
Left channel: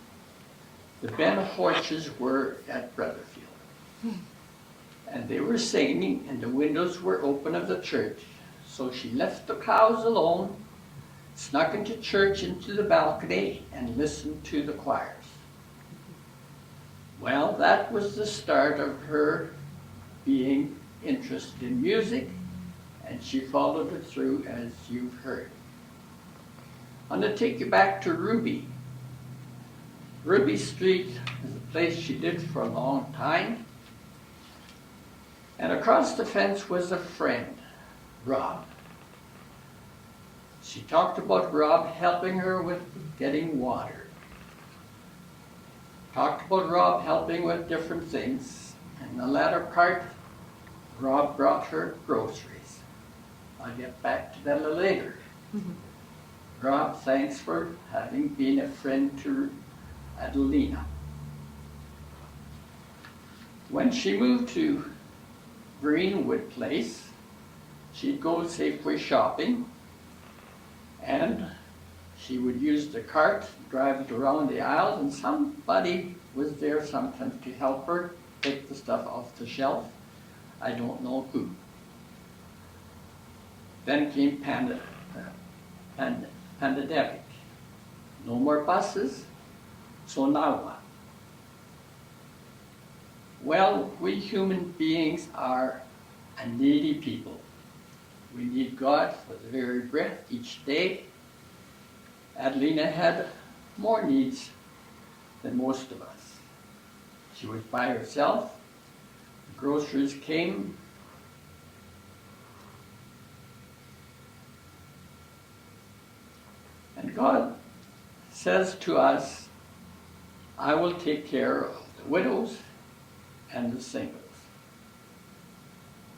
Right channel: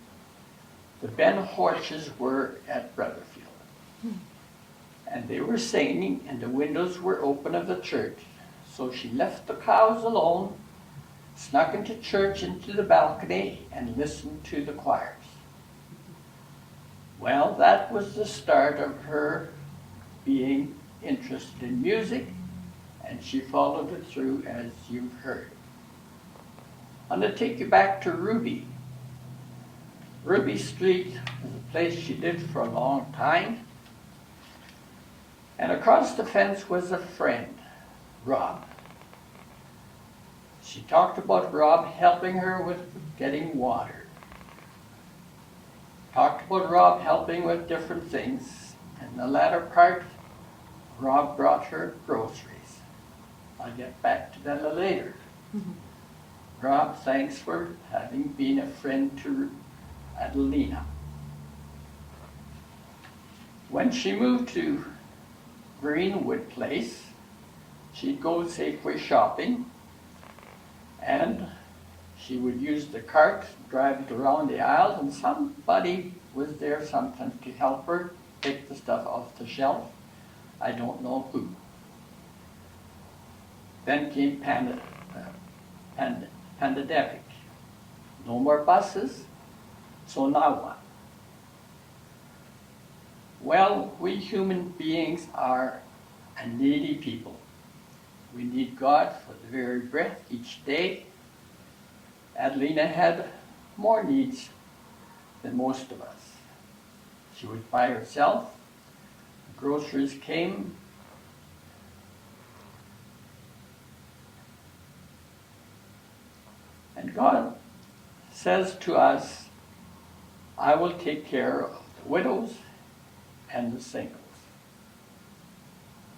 the Ben Horches were at Rutherfield. And they were singing, and the windows were open of the church. So she left the cows alone, snuck into church into the balcony, and listened to the choirs. Well, that was the start of her being interested in music, and she followed it through, as you've heard. I'm going to take you back to Ruby. Ruby Street is a place she lived for a long time. And across the fence was a friend, Rob. She talked about Rob helping her with getting water. Talked about Rob helping with different things. And the latter part, Rob brought her groceries. I'll get back to that later. Rob, thanks for having been a friend to Adelina. When she moved to Greenwood Place, she'd go Safeway shopping, and she would use the cart, drive it around the aisles, and somebody was there sometimes to help her take the stuff off the shelf. I don't know who. Then came pandemic. No more buses, so now what? Well, we human beings are a needy people. We need God for the very breath each day. Adelina had more needs than most of us. She was by herself. The groceries came. And God says to us, I will take care of the widows and the singles.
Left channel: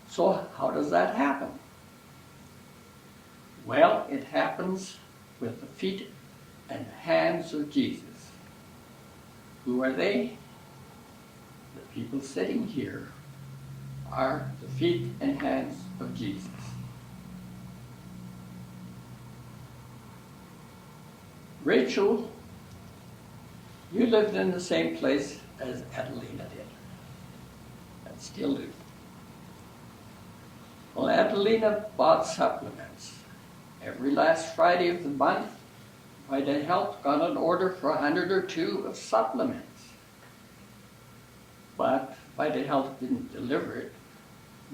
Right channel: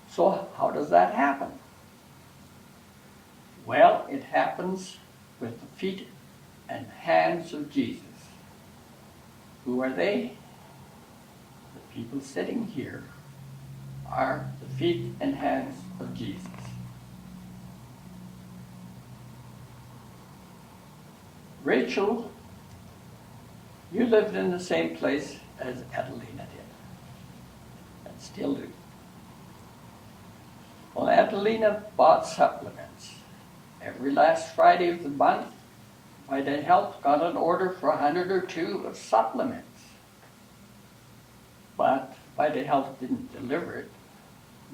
So how does that happen? Well, it happens with the feet and hands of Jesus. Who are they? The people sitting here are the feet and hands of Jesus. Rachel, you lived in the same place as Adelina did, and still do. Well, Adelina bought supplements. Every last Friday of the month, Vita Health got an order for 100 or 2 of supplements. But Vita Health didn't deliver it.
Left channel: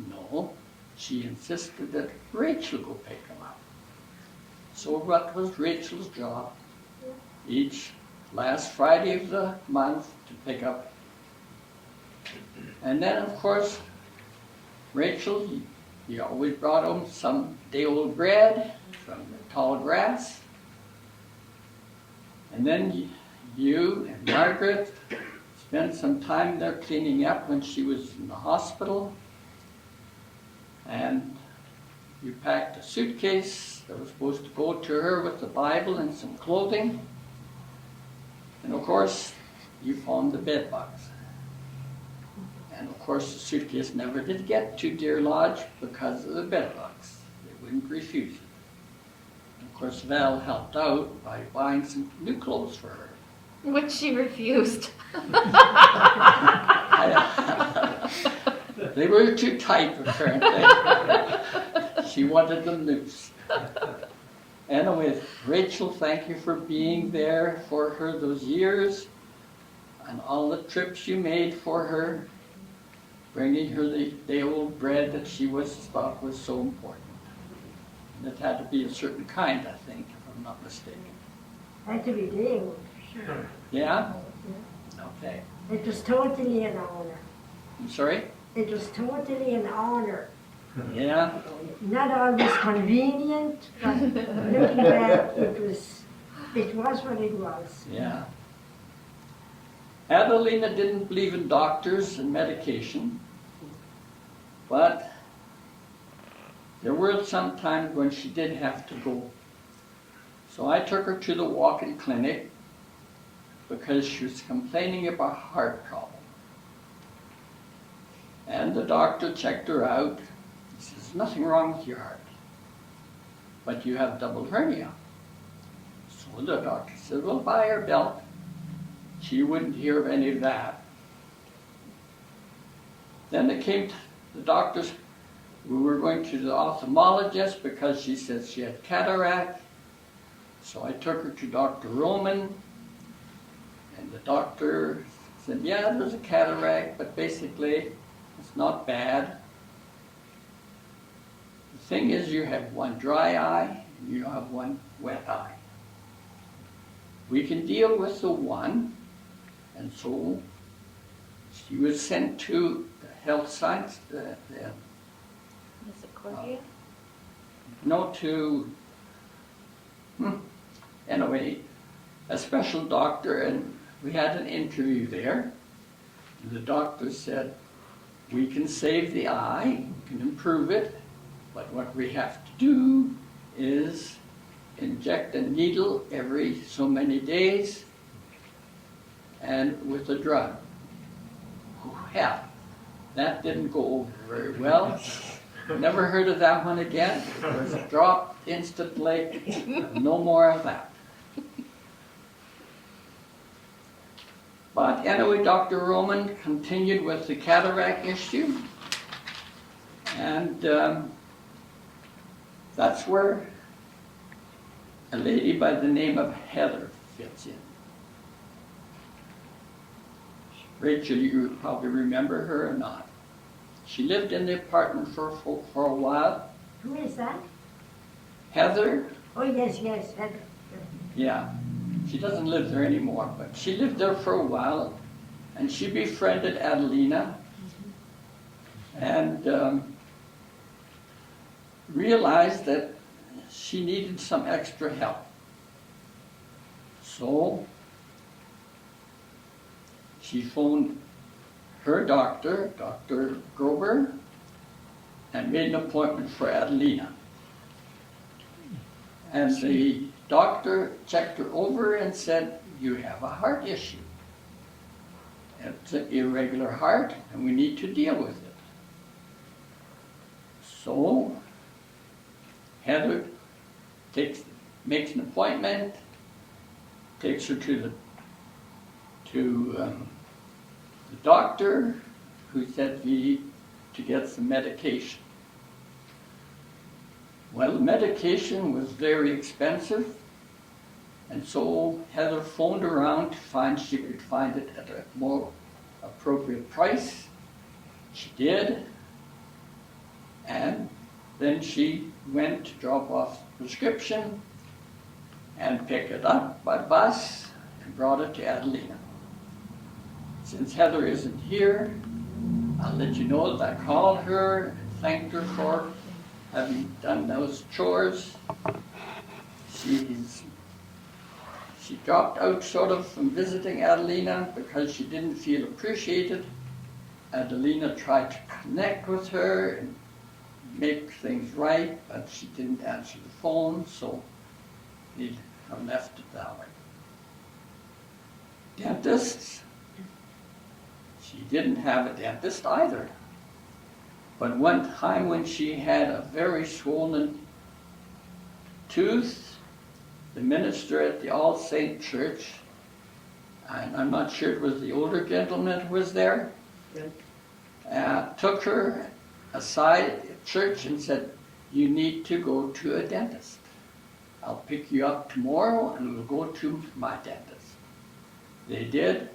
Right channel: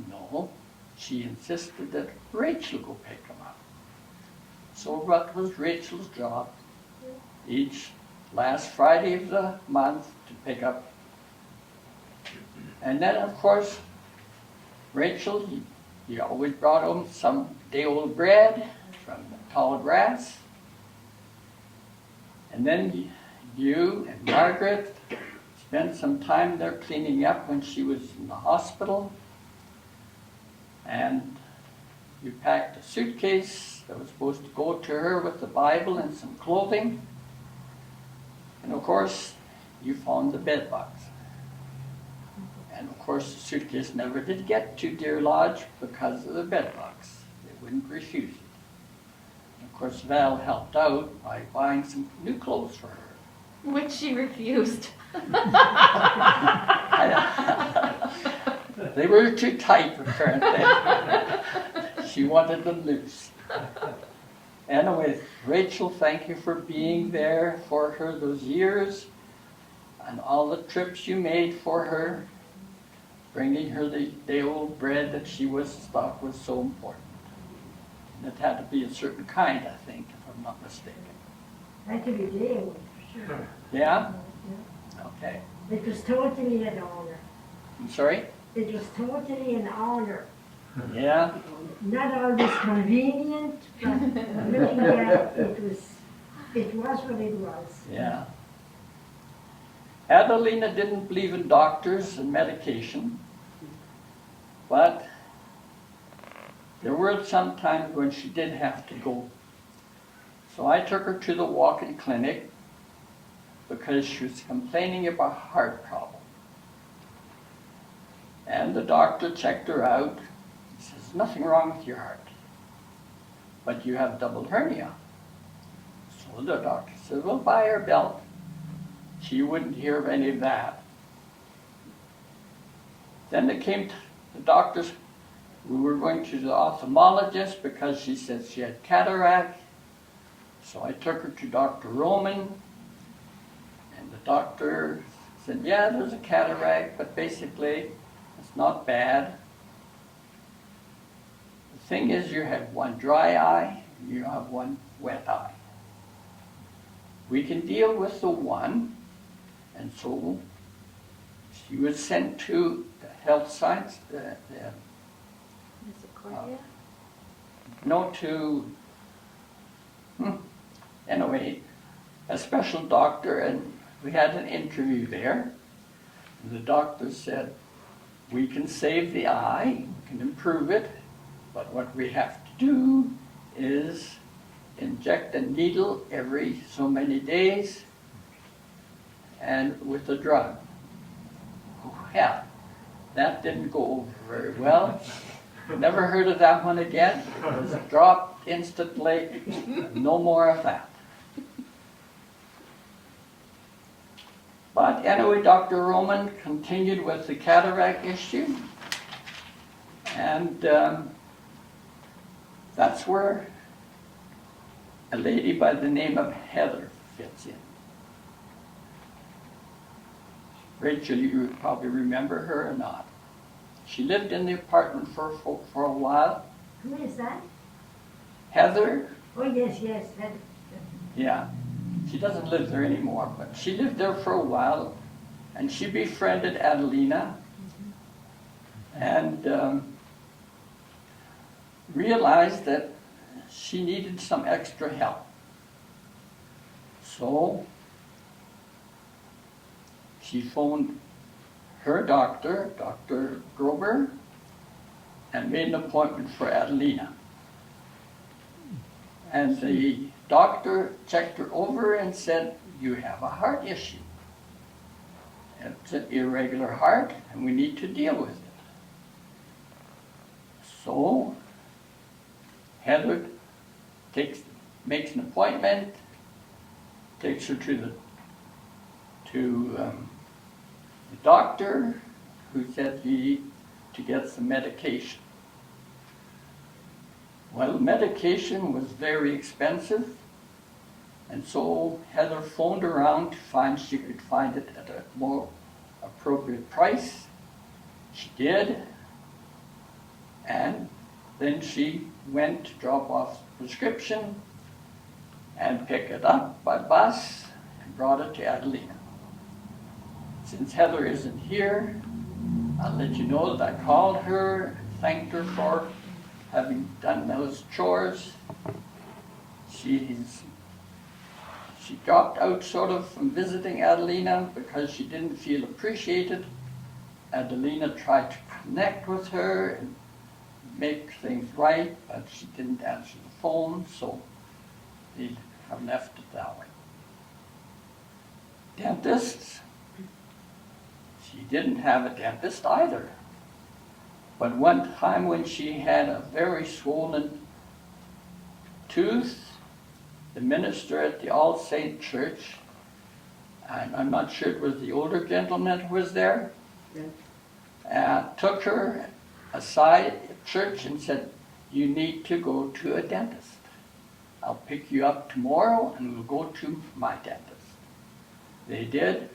No, she insisted that Rachel go pick them up. So what was Rachel's job? Each last Friday of the month to pick up. And then, of course, Rachel, you always brought home some day-old bread from the tall grass. And then you and Margaret spent some time there cleaning up when she was in the hospital. And you packed a suitcase that was supposed to go to her with the Bible and some clothing. And of course, you found the bed bugs. And of course, the suitcase never did get to Deer Lodge because of the bed bugs. They wouldn't refuse it. And of course, Val helped out by buying some new clothes for her. Which she refused. They were too tight, apparently. She wanted them loose. Anyway, Rachel, thank you for being there for her those years and all the trips you made for her, bringing her the day-old bread that she thought was so important. And it had to be a certain kind, I think, if I'm not mistaken. Had to be day-old, for sure. Yeah? Okay. It was totally an honor. I'm sorry? It was totally an honor. Yeah? Not always convenient, but looking back, it was what it was. Yeah. Adelina didn't believe in doctors and medication, but there were some times when she did have to go. So I took her to the walk-in clinic because she was complaining of a heart problem. And the doctor checked her out. He says, nothing wrong with your heart, but you have double hernia. So the doctor said, well, buy her a belt. She wouldn't hear of any of that. Then it came to the doctors. We were going to the ophthalmologist because she said she had cataract. So I took her to Dr. Roman, and the doctor said, yeah, there's a cataract, but basically it's not bad. The thing is, you have one dry eye and you have one wet eye. We can deal with the one, and so she was sent to the health science, anyway, a special doctor, and we had an interview there. And the doctor said, we can save the eye, we can improve it, but what we have to do is inject a needle every so many days and with a drug. Well, that didn't go over very well. Never heard of that one again. It was dropped instantly. No more of that. But anyway, Dr. Roman continued with the cataract issue, and that's where a lady by the name of Heather fits in. Rachel, you probably remember her or not. She lived in the apartment for a while. Who is that? Heather? Oh, yes, Heather. Yeah. She doesn't live there anymore, but she lived there for a while, and she befriended Adelina and realized that she needed some extra help. So she phoned her doctor, Dr. Grober, and made an appointment for Adelina. And the doctor checked her over and said, you have a heart issue. It's an irregular heart, and we need to deal with it. So Heather makes an appointment, takes her to the doctor, who said we need to get some medication. Well, the medication was very expensive, and so Heather phoned around to find she could find it at a more appropriate price. She did, and then she went to drop off the prescription and pick it up by bus and brought it to Adelina. Since Heather isn't here, I'll let you know that I called her and thanked her for having done those chores. She dropped out sort of from visiting Adelina because she didn't feel appreciated. Adelina tried to connect with her and make things right, but she didn't answer the phone, so they have left it that way. Dentists, she didn't have a dentist either. But one time when she had a very swollen tooth, the minister at the All Saint Church, and I'm not sure it was the older gentleman who was there, took her aside at church and said, "You need to go to a dentist. I'll pick you up tomorrow and we'll go to my dentist." They did.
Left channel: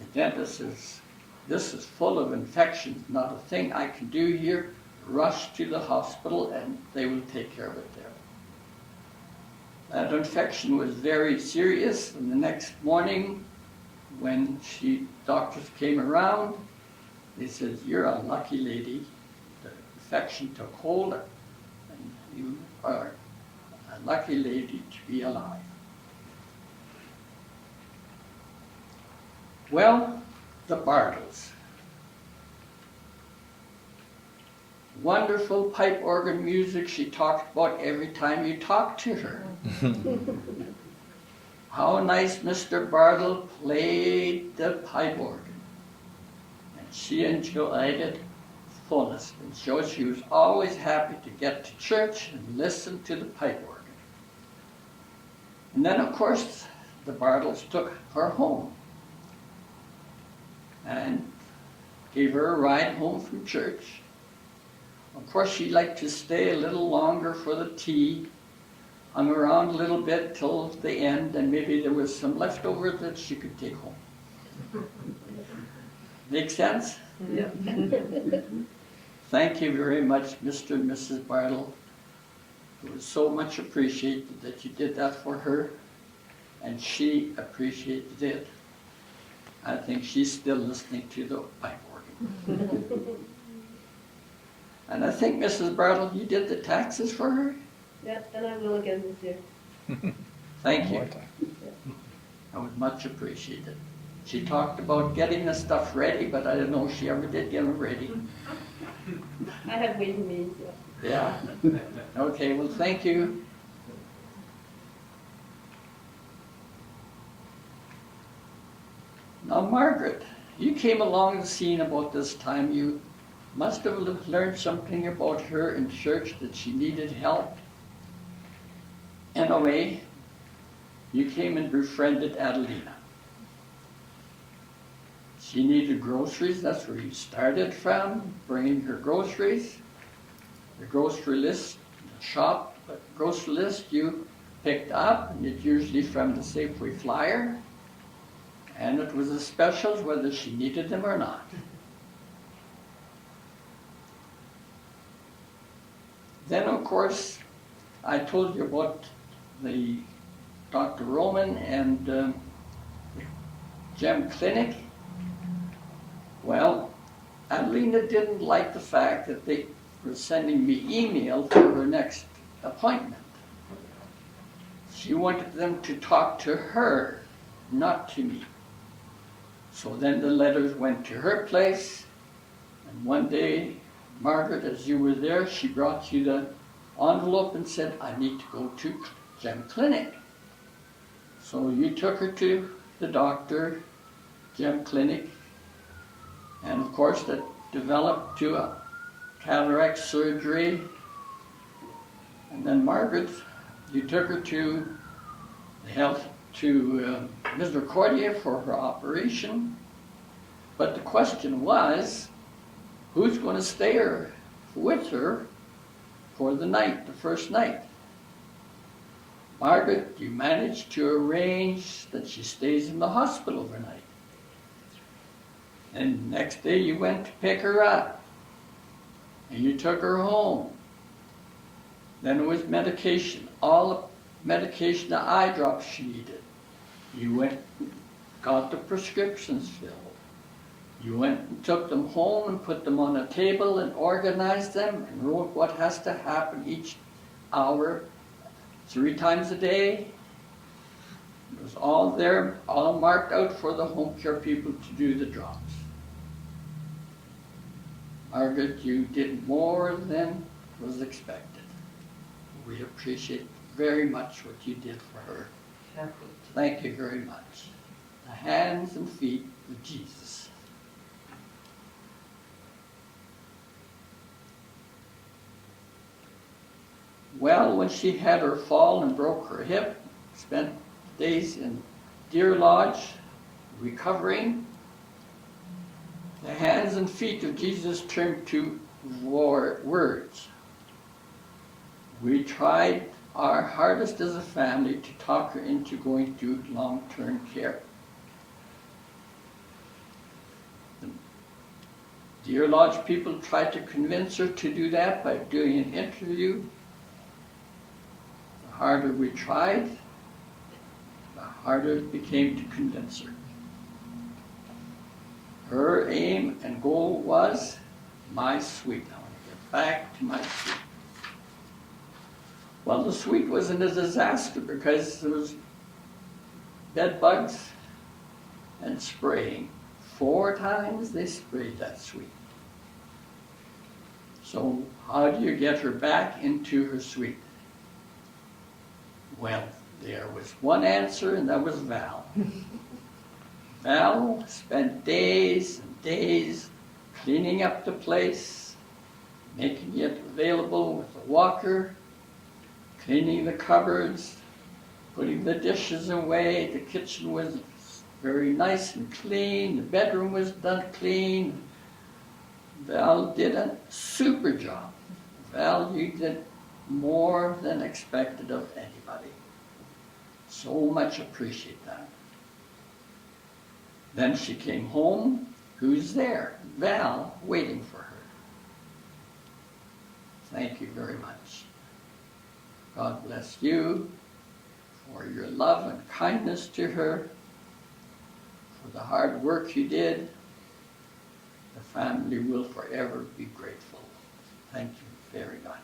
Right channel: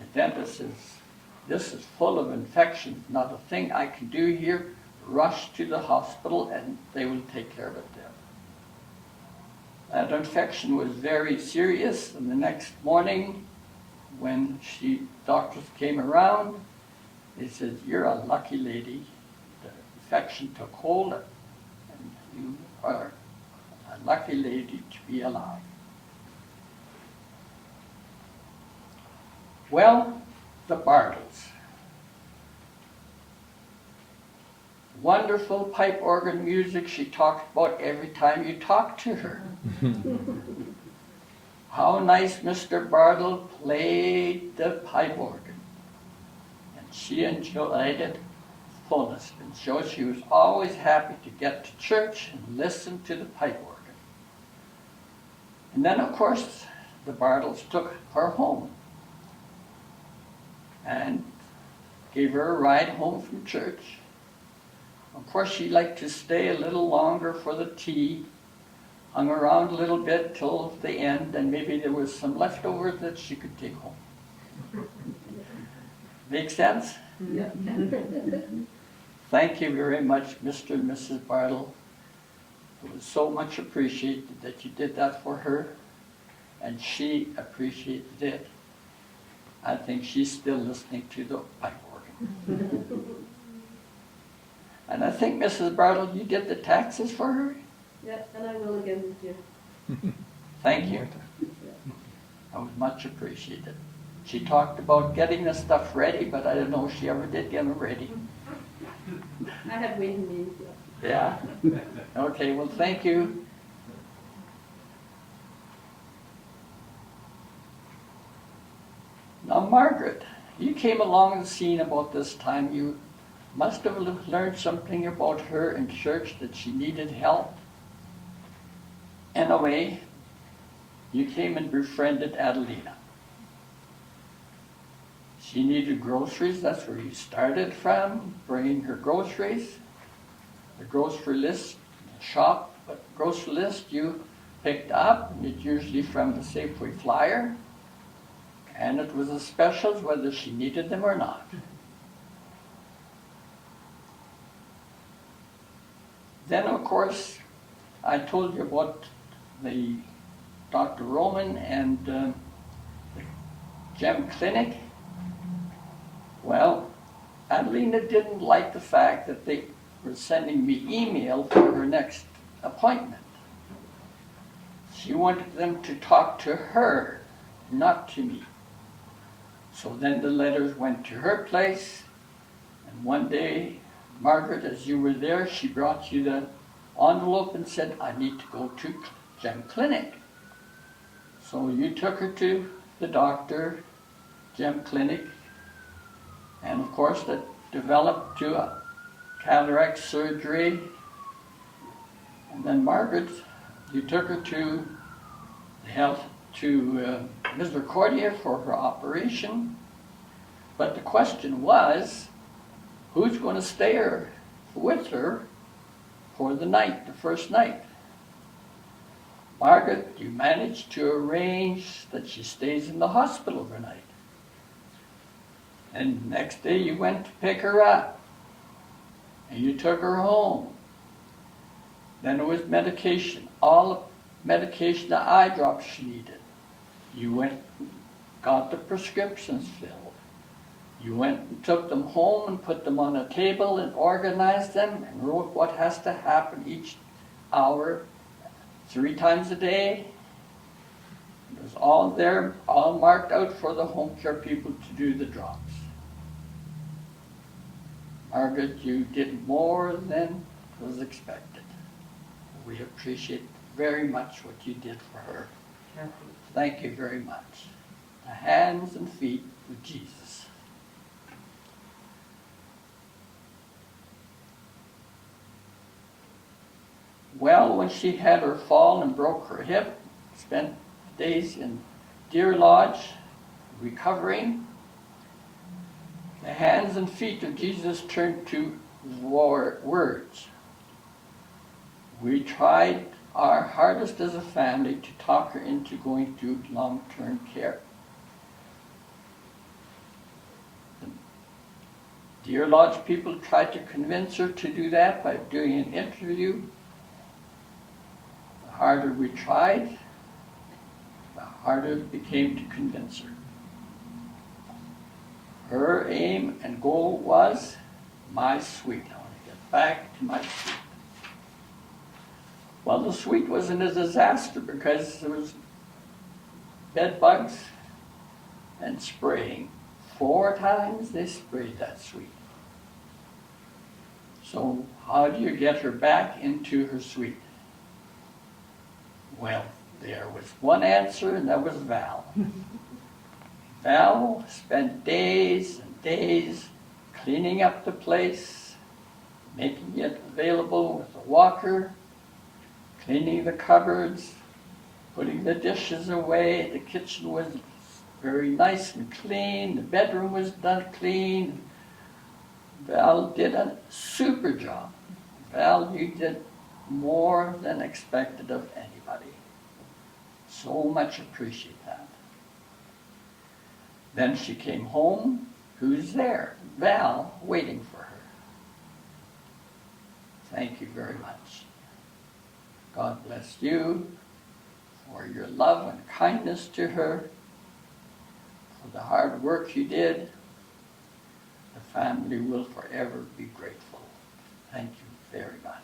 The dentist says, "This is full of infections, not a thing I can do here. Rush to the hospital and they will take care of it there." That infection was very serious, and the next morning when doctors came around, they said, "You're a lucky lady. The infection took hold and you are a lucky lady to be alive." Well, the Bartles. Wonderful pipe organ music she talked about every time you talked to her. How nice Mr. Bartle played the pipe organ. And she enjoyed it fullest. And so she was always happy to get to church and listen to the pipe organ. And then, of course, the Bartles took her home and gave her a ride home from church. Of course, she liked to stay a little longer for the tea, hung around a little bit till the end, and maybe there was some leftover that she could take home. Make sense? Yeah. Thank you very much, Mr. and Mrs. Bartle. It was so much appreciated that you did that for her, and she appreciated it. I think she's still listening to the pipe organ. And I think, Mrs. Bartle, you did the taxes for her? Yeah, and I will again this year. Thank you. I would much appreciate it. She talked about getting the stuff ready, but I don't know if she ever did get them ready. I have waiting meetings. Yeah. Okay, well, thank you. Now, Margaret, you came along the scene about this time. You must have learned something about her in church, that she needed help. Anyway, you came and befriended Adelina. She needed groceries. That's where you started from, bringing her groceries. The grocery list, the shop, but grocery list you picked up, and it's usually from the Safeway flyer. And it was a specials whether she needed them or not. Then, of course, I told you about the Dr. Roman and the Gem Clinic. Well, Adelina didn't like the fact that they were sending me email for her next appointment. She wanted them to talk to her, not to me. So then the letters went to her place, and one day, Margaret, as you were there, she brought you the envelope and said, "I need to go to Gem Clinic." So you took her to the doctor, Gem Clinic, and of course that developed to a cataract surgery. And then Margaret, you took her to the health to Misericordia for her operation. But the question was, who's going to stay with her for the night, the first night? Margaret, you managed to arrange that she stays in the hospital overnight. And the next day you went to pick her up. And you took her home. Then it was medication, all the medication, the eye drops she needed. You went, got the prescriptions filled. You went and took them home and put them on a table and organized them and wrote what has to happen each hour, 3 times a day. It was all there, all marked out for the home care people to do the drops. Margaret, you did more than was expected. We appreciate very much what you did for her. Thank you very much. The hands and feet of Jesus. Well, when she had her fall and broke her hip, spent days in Deer Lodge recovering. The hands and feet of Jesus turned to words. We tried our hardest as a family to talk her into going to long-term care. Dear Lodge people tried to convince her to do that by doing an interview. The harder we tried, the harder it became to convince her. Her aim and goal was my suite. I want to get back to my suite. Well, the suite wasn't a disaster because there was bed bugs and spraying. 4 times they sprayed that suite. So how do you get her back into her suite? Well, there was one answer, and that was Val. Val spent days and days cleaning up the place, making it available with a walker, cleaning the cupboards, putting the dishes away. The kitchen was very nice and clean. The bedroom was done clean. Val did a super job. Val, you did more than expected of anybody. So much appreciate that. Then she came home. Who's there? Val, waiting for her. Thank you very much. God bless you for your love and kindness to her, for the hard work you did. The family will forever be grateful. Thank you very much.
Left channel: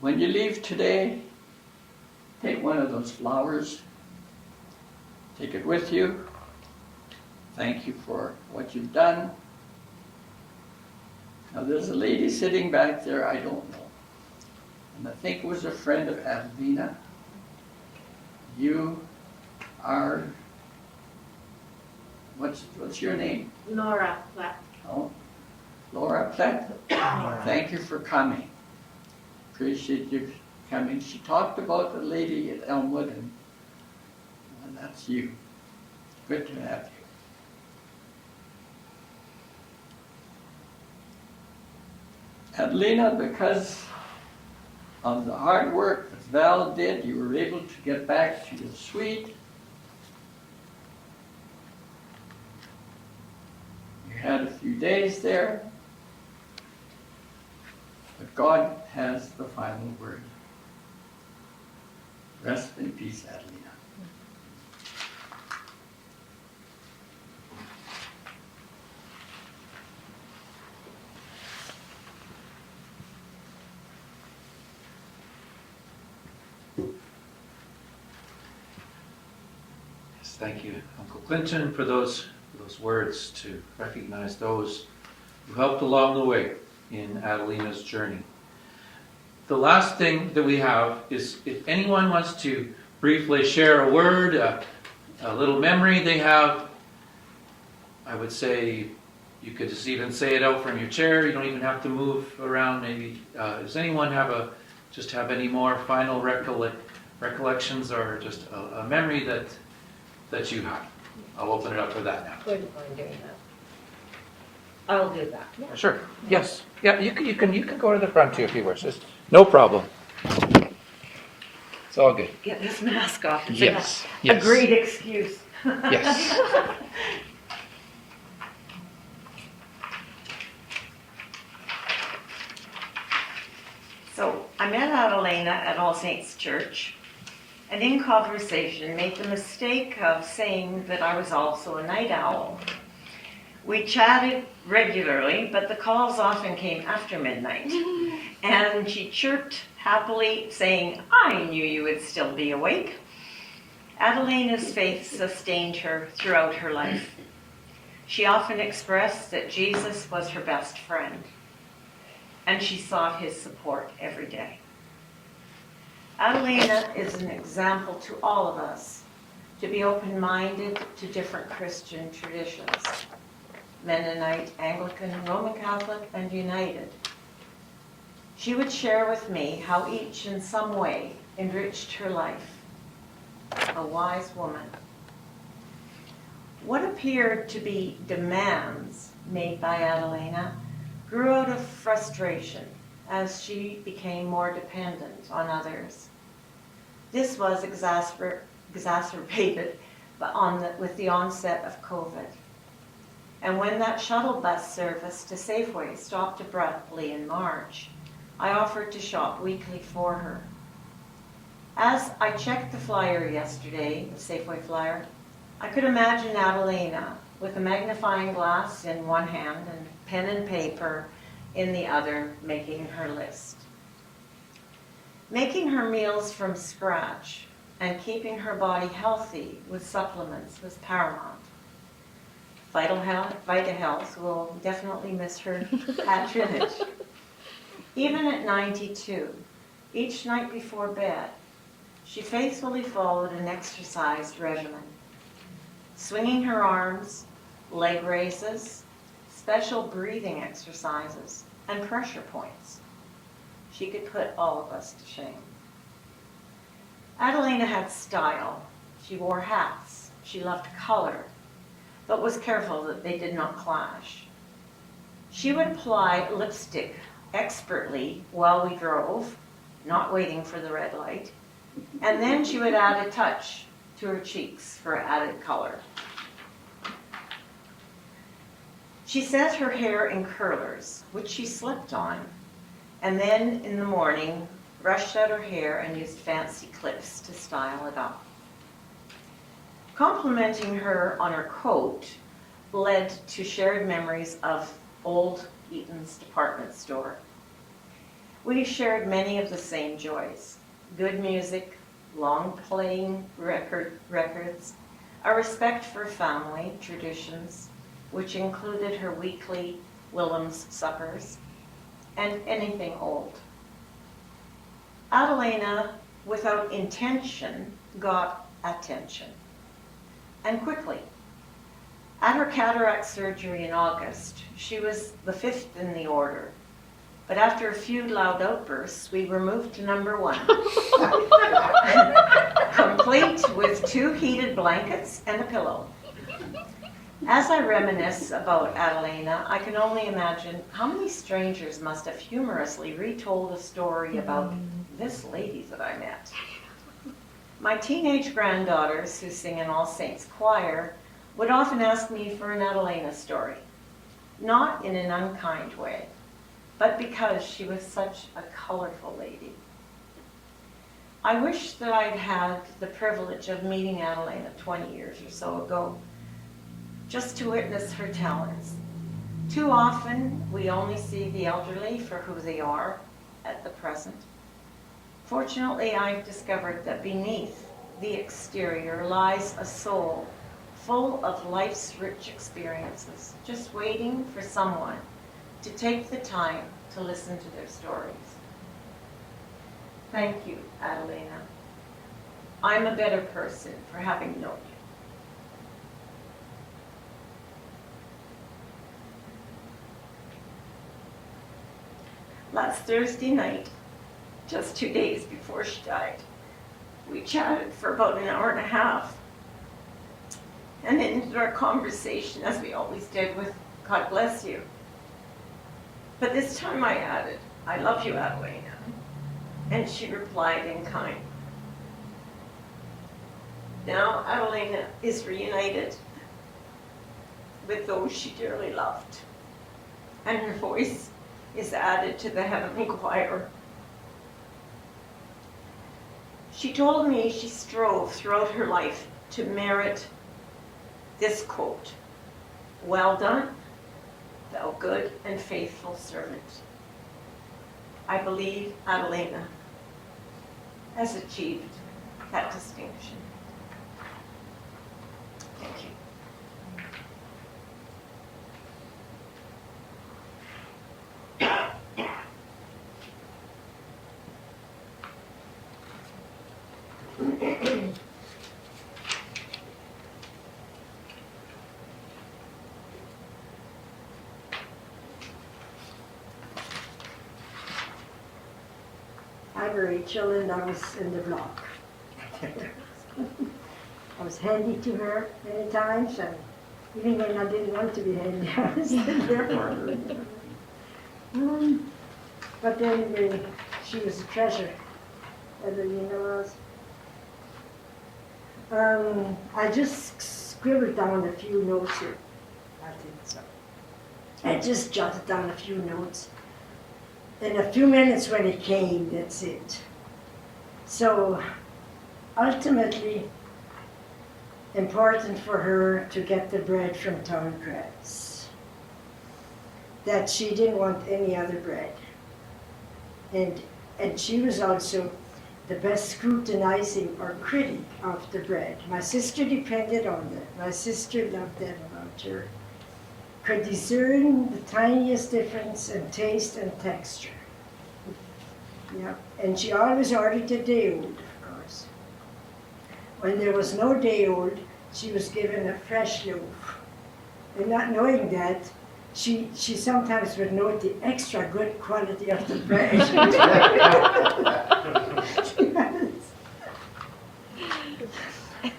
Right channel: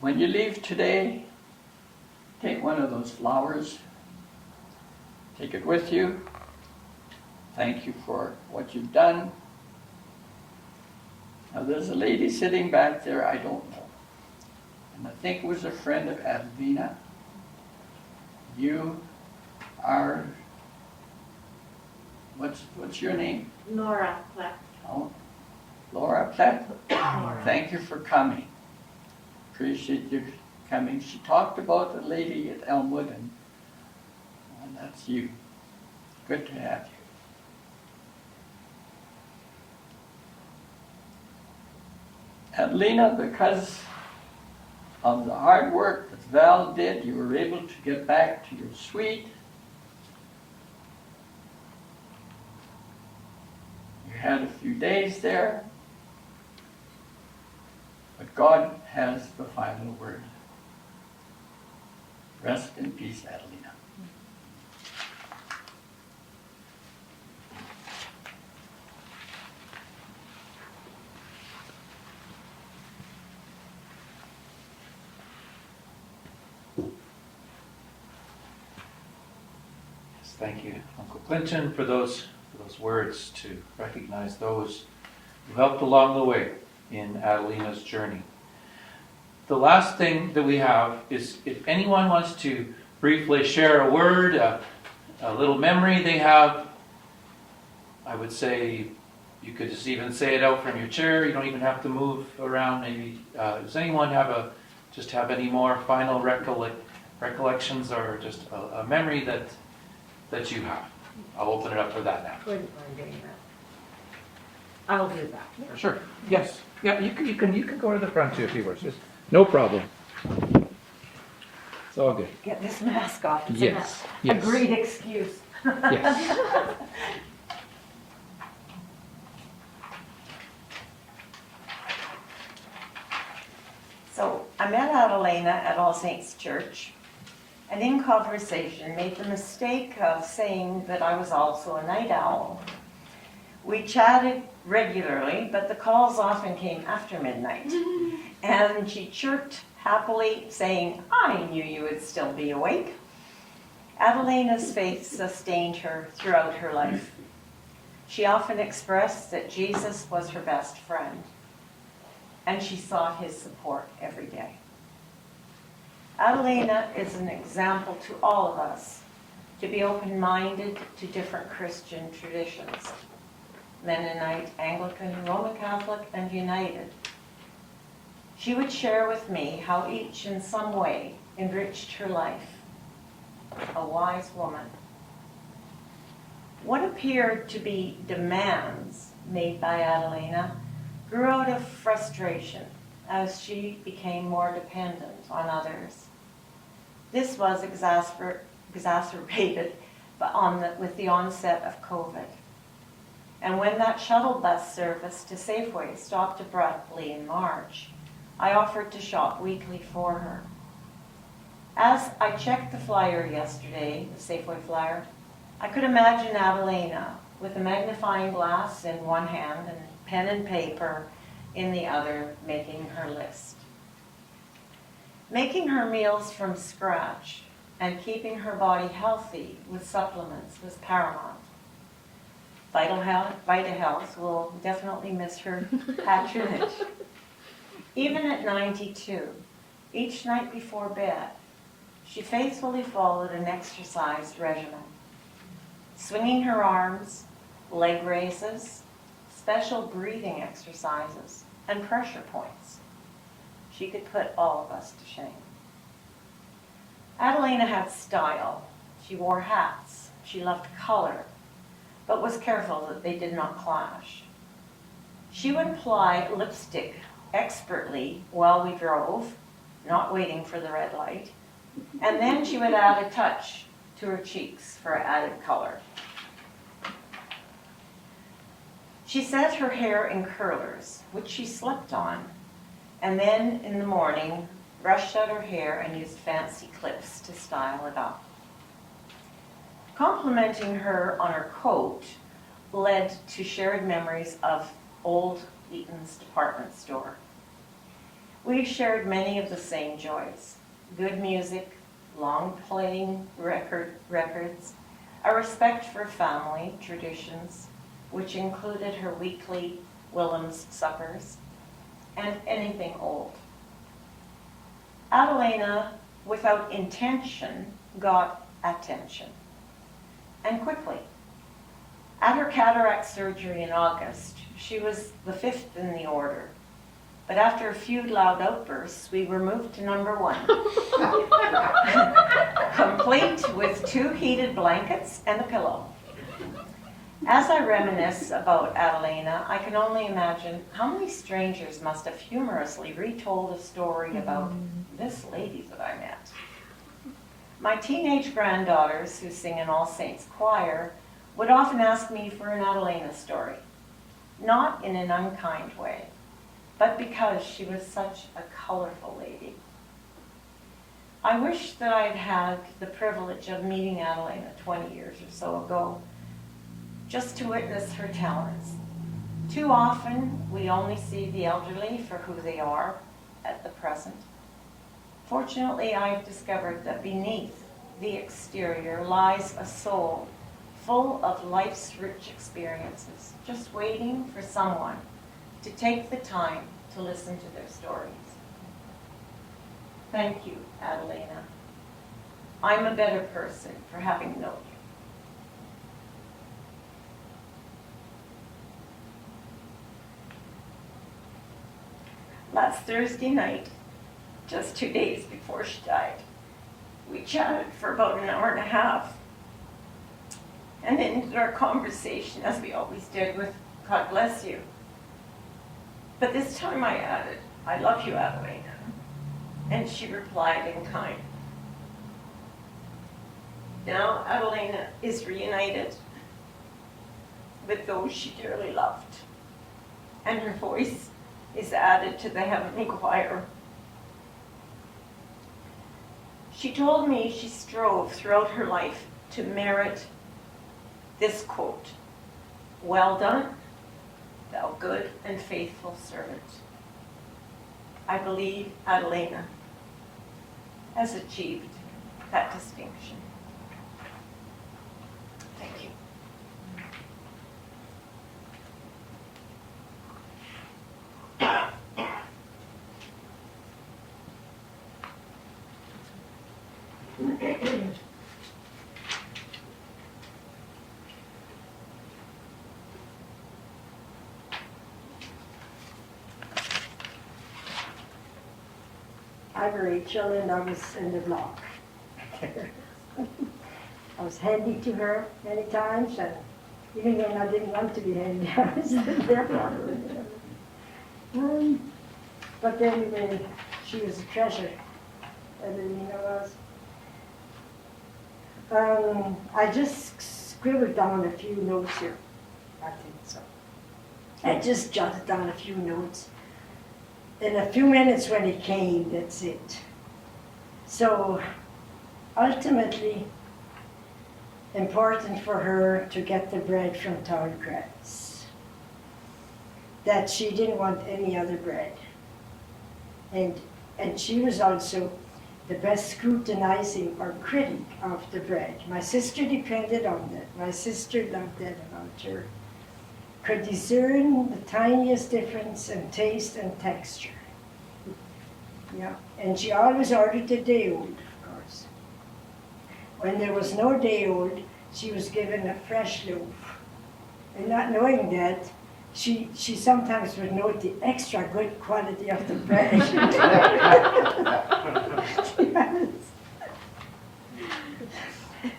When you leave today, take one of those flowers, take it with you. Thank you for what you've done. Now there's a lady sitting back there I don't know. And I think it was a friend of Adelina. You are, what's your name? Laura Platt. Oh, Laura Platt. Thank you for coming. Appreciate you coming. She talked about the lady at Elmwood, and that's you. Good to have you. Adelina, because of the hard work that Val did, you were able to get back to your suite. You had a few days there, but God has the final word. Rest in peace, Adelina. Thank you, Uncle Clinton, for those words to recognize those who helped along the way in Adelina's journey. The last thing that we have is if anyone wants to briefly share a word, a little memory they have, I would say you could just even say it out from your chair. You don't even have to move around. Maybe does anyone have any more final recollections or just a memory that you have? I'll open it up for that now. Wouldn't mind doing that. I'll do that. Yeah. Sure. Yes. Yeah. You can go to the front too if you wish. It's no problem. It's all good. Get this mask off. It's Yes. a Yes. great excuse. Yes. So I met Adelina at All Saints Church, and in conversation made the mistake of saying that I was also a night owl. We chatted regularly, but the calls often came after midnight. And she chirped happily, saying, "I knew you would still be awake." Adelina's faith sustained her throughout her life. She often expressed that Jesus was her best friend, and she sought his support every day. Adelina is an example to all of us to be open-minded to different Christian traditions: Mennonite, Anglican, Roman Catholic, and United. She would share with me how each in some way enriched her life. A wise woman. What appeared to be demands made by Adelina grew out of frustration as she became more dependent on others. This was exacerbated with the onset of COVID. And when that shuttle bus service to Safeway stopped abruptly in March, I offered to shop weekly for her. As I checked the flyer yesterday, the Safeway flyer, I could imagine Adelina with a magnifying glass in one hand and pen and paper in the other, making her list. Making her meals from scratch and keeping her body healthy with supplements was paramount. Vitahealth will definitely miss her patronage. Even at 92, each night before bed, she faithfully followed an exercise regimen. Swinging her arms, leg raises, special breathing exercises, and pressure points. She could put all of us to shame. Adelina had style. She wore hats. She loved color, but was careful that they did not clash. She would apply lipstick expertly while we drove, not waiting for the red light, and then she would add a touch to her cheeks for added color. She set her hair in curlers, which she slept on, and then in the morning brushed out her hair and used fancy clips to style it up. Complimenting her on her coat led to shared memories of old Eaton's department store. We shared many of the same joys: good music, long playing records, a respect for family traditions, which included her weekly Willems suppers, and anything old. Adelina, without intention, got attention, and quickly. At her cataract surgery in August, she was the 5th in the order, but after a few loud outbursts, we were moved to number 1. Complete with 2 heated blankets and a pillow. As I reminisce about Adelina, I can only imagine how many strangers must have humorously retold a story about this lady that I met. My teenage granddaughters, who sing in All Saints Choir, would often ask me for an Adelina story, not in an unkind way, but because she was such a colorful lady. I wish that I'd had the privilege of meeting Adelina 20 years or so ago, just to witness her talents. Too often, we only see the elderly for who they are at the present. Fortunately, I've discovered that beneath the exterior lies a soul full of life's rich experiences, just waiting for someone to take the time to listen to their stories. Thank you, Adelina. I'm a better person for having known you. Last Thursday night, just 2 days before she died, we chatted for about an hour and a half and ended our conversation, as we always did, with "God bless you." But this time I added, "I love you, Adelina." And she replied in kind. Now Adelina is reunited with those she dearly loved, and her voice is added to the heavenly choir. She told me she strove throughout her life to merit this quote: "Well done, thou good and faithful servant." I believe Adelina has achieved that distinction. Thank you. I'm Rachel, and I was in the block. I was handy to her many times, and Even when I didn't want to be hanged, I was there for her. But anyway, she was a treasure. Adelina was. I just scribbled down a few notes here. I think so. I just jotted down a few notes. In a few minutes when it came, that's it. So, ultimately, important for her to get the bread from Tallgrass. That she didn't want any other bread. And she was also the best scrutinizing or critic of the bread. My sister depended on that. My sister loved that about her. Could discern the tiniest difference in taste and texture. Yeah, and she always ordered a day old, of course. When there was no day old, she was given a fresh loaf. And not knowing that, she sometimes would note the extra good quality of the bread.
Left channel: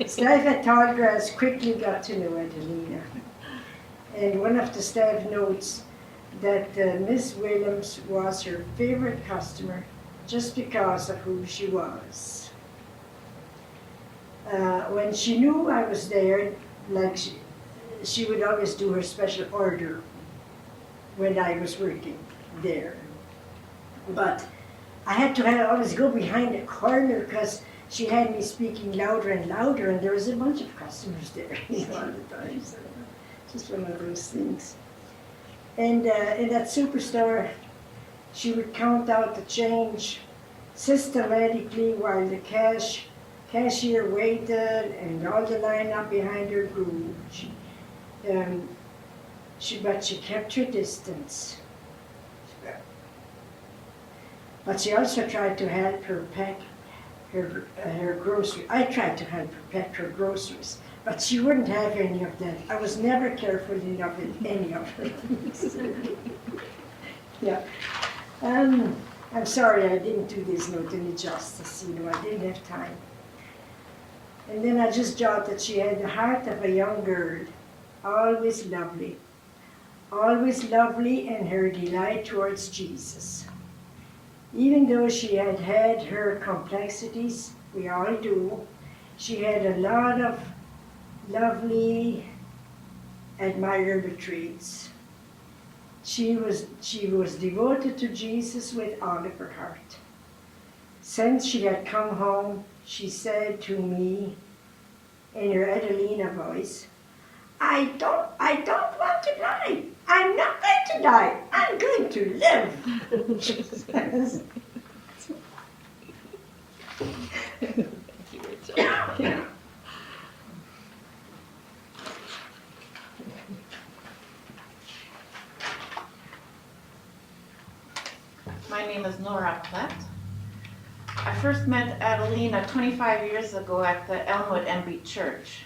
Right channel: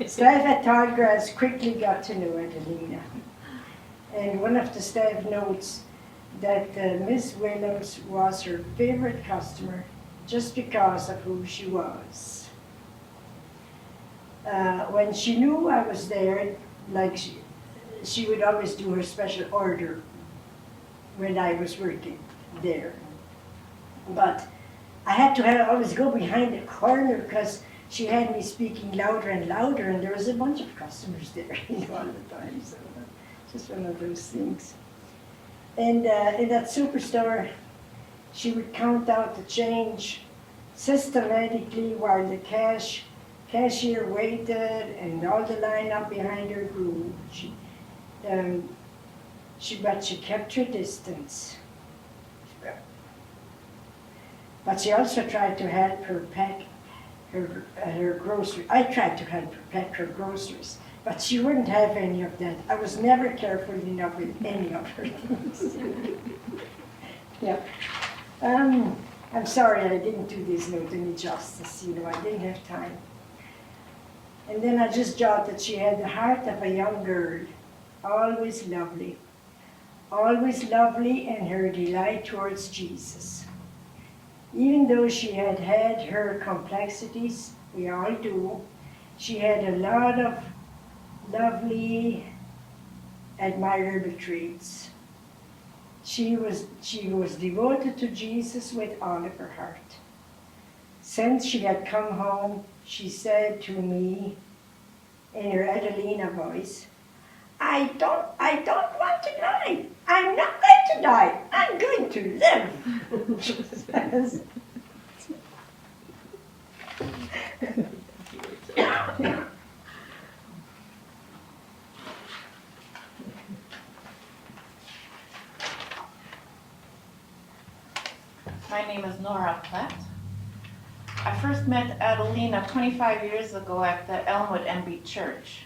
Staff at Tallgrass quickly got to know Adelina. And one of the staff notes that Miss Willems was her favorite customer just because of who she was. When she knew I was there, like she would always do her special order when I was working there. But I had to always go behind the corner because she had me speaking louder and louder, and there was a bunch of customers there all the time. So just one of those things. And in that superstore, she would count out the change systematically while the cashier waited and all the line up behind her grew. But she kept her distance. But she also tried to help her pack her groceries. I tried to help her pack her groceries, but she wouldn't have any of that. I was never careful enough with any of her things. Yeah. I'm sorry I didn't do this note any justice. I didn't have time. And then I just jotted that she had the heart of a young girl, always lovely and her delight towards Jesus. Even though she had her complexities, we all do, she had a lot of lovely, admirable traits. She was devoted to Jesus with all of her heart. Since she had come home, she said to me in her Adelina voice, I don't want to die. I'm not going to die. I'm going to live. My name is Nora Platt. I first met Adelina 25 years ago at the Elmwood MB Church.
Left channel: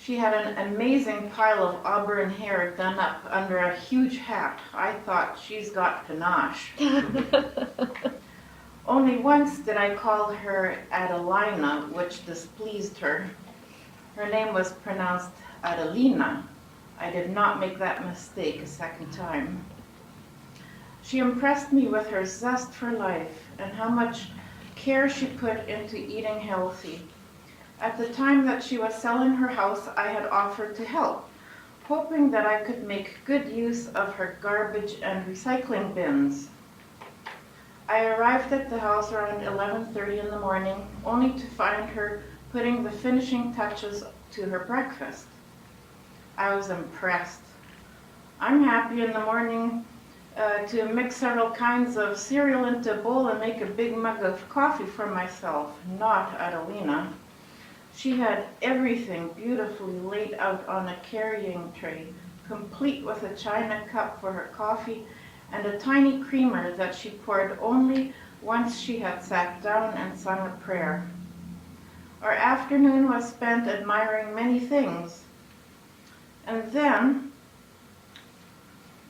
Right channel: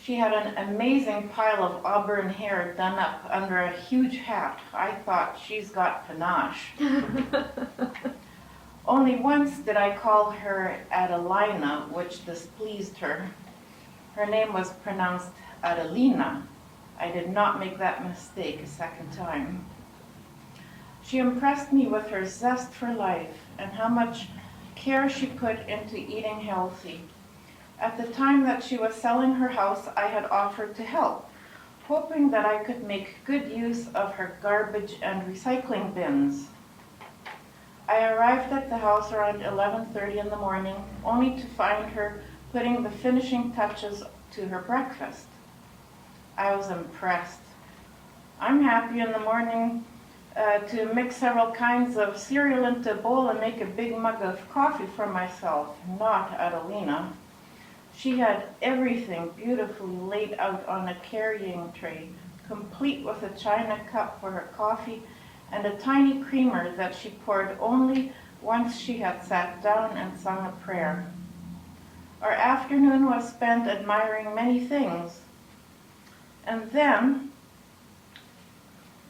She had an amazing pile of auburn hair done up under a huge hat. I thought, she's got panache. Only once did I call her Adelina, which displeased her. Her name was pronounced Adelina. I did not make that mistake a second time. She impressed me with her zest for life and how much care she put into eating healthy. At the time that she was selling her house, I had offered to help, hoping that I could make good use of her garbage and recycling bins. I arrived at the house around 11:30 in the morning, only to find her putting the finishing touches to her breakfast. I was impressed. I'm happy in the morning to mix several kinds of cereal into a bowl and make a big mug of coffee for myself, not Adelina. She had everything beautifully laid out on a carrying tray, complete with a china cup for her coffee and a tiny creamer that she poured only once she had sat down and sung a prayer. Our afternoon was spent admiring many things. And then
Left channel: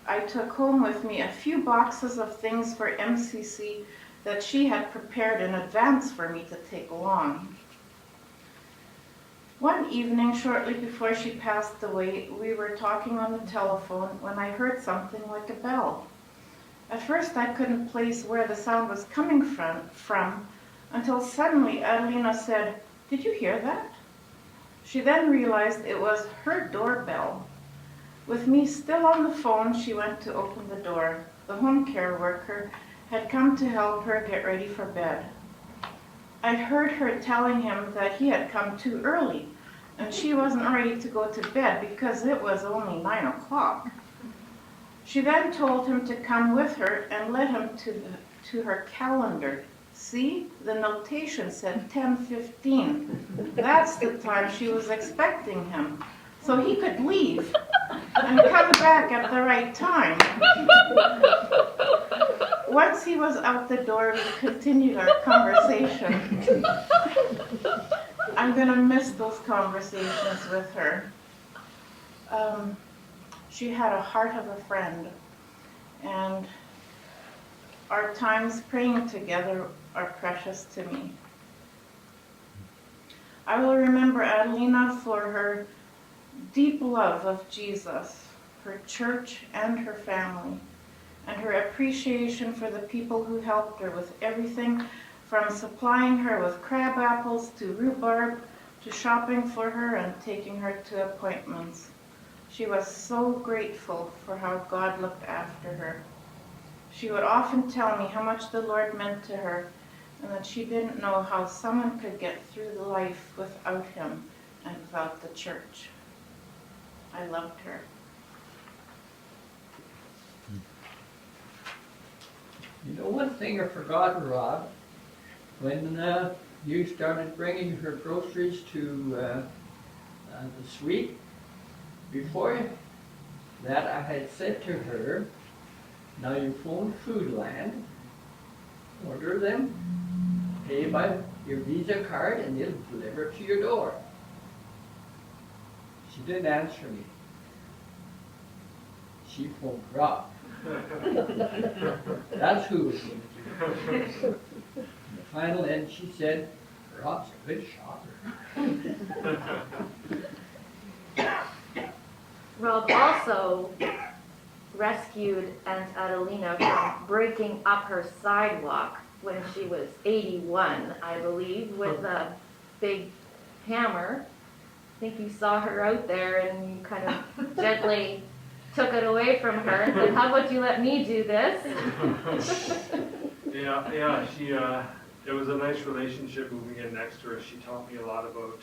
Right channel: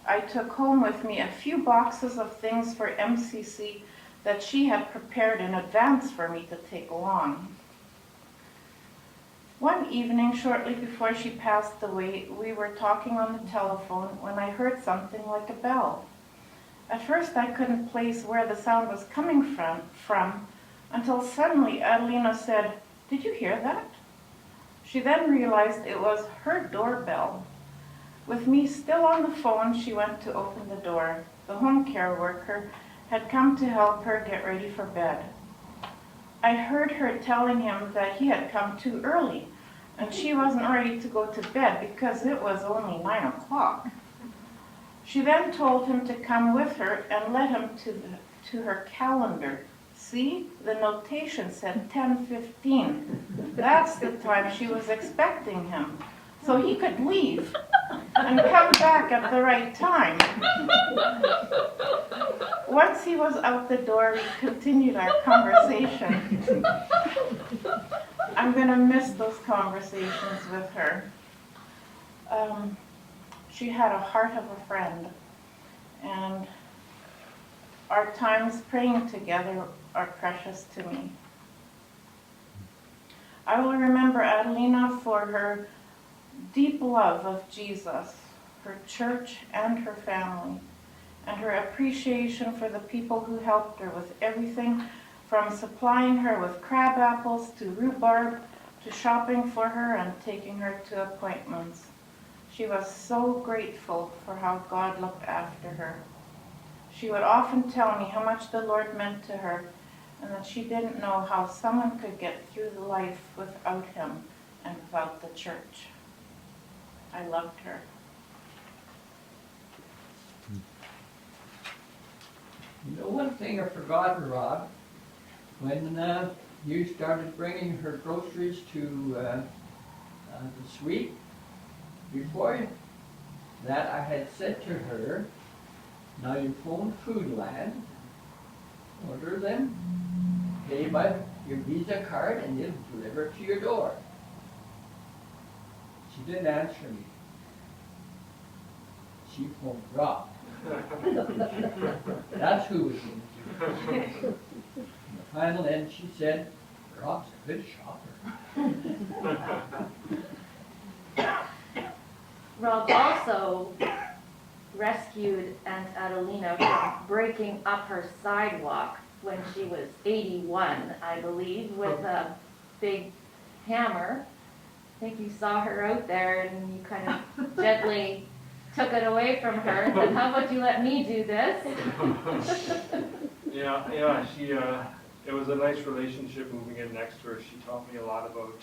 I took home with me a few boxes of things for MCC that she had prepared in advance for me to take along. One evening, shortly before she passed away, we were talking on the telephone when I heard something like a bell. At first I couldn't place where the sound was coming from until suddenly Adelina said, "Did you hear that?" She then realized it was her doorbell. With me still on the phone, she went to open the door. The home care worker had come to help her get ready for bed. I heard her telling him that he had come too early and she wasn't ready to go to bed because it was only 9 o'clock. She then told him to come with her and led him to her calendar. See, the notation said 10:15. That's the time she was expecting him, so he could leave and come back at the right time. Once he was out the door, we continued our conversation. I'm gonna miss those conversations with her. She had a heart of a friend, and our times praying together are precious to me. I will remember Adelina for her deep love of Jesus, her church, and her family, and her appreciation for the people who helped her with everything from supplying her with crab apples to rhubarb to shopping for her and taking her to appointments. She was so grateful for how God looked after her. She would often tell me how much the Lord meant to her and that she didn't know how someone could get through life without him and without the church. I loved her. You know, one thing I forgot, Rod, when you started bringing her groceries to the suite, before that I had said to her, now you phone Foodland, order them, pay by your Visa card, and they'll deliver it to your door. She didn't answer me. She phoned Rob. That's who was going to do it. In the final end, she said, Rob's a good shopper. Rob also rescued Aunt Adelina from breaking up her sidewalk when she was 81, I believe, with a big hammer. I think you saw her out there and you kind of gently took it away from her and said, how about you let me do this? Yeah, she, it was a nice relationship moving in next to her. She taught me a lot about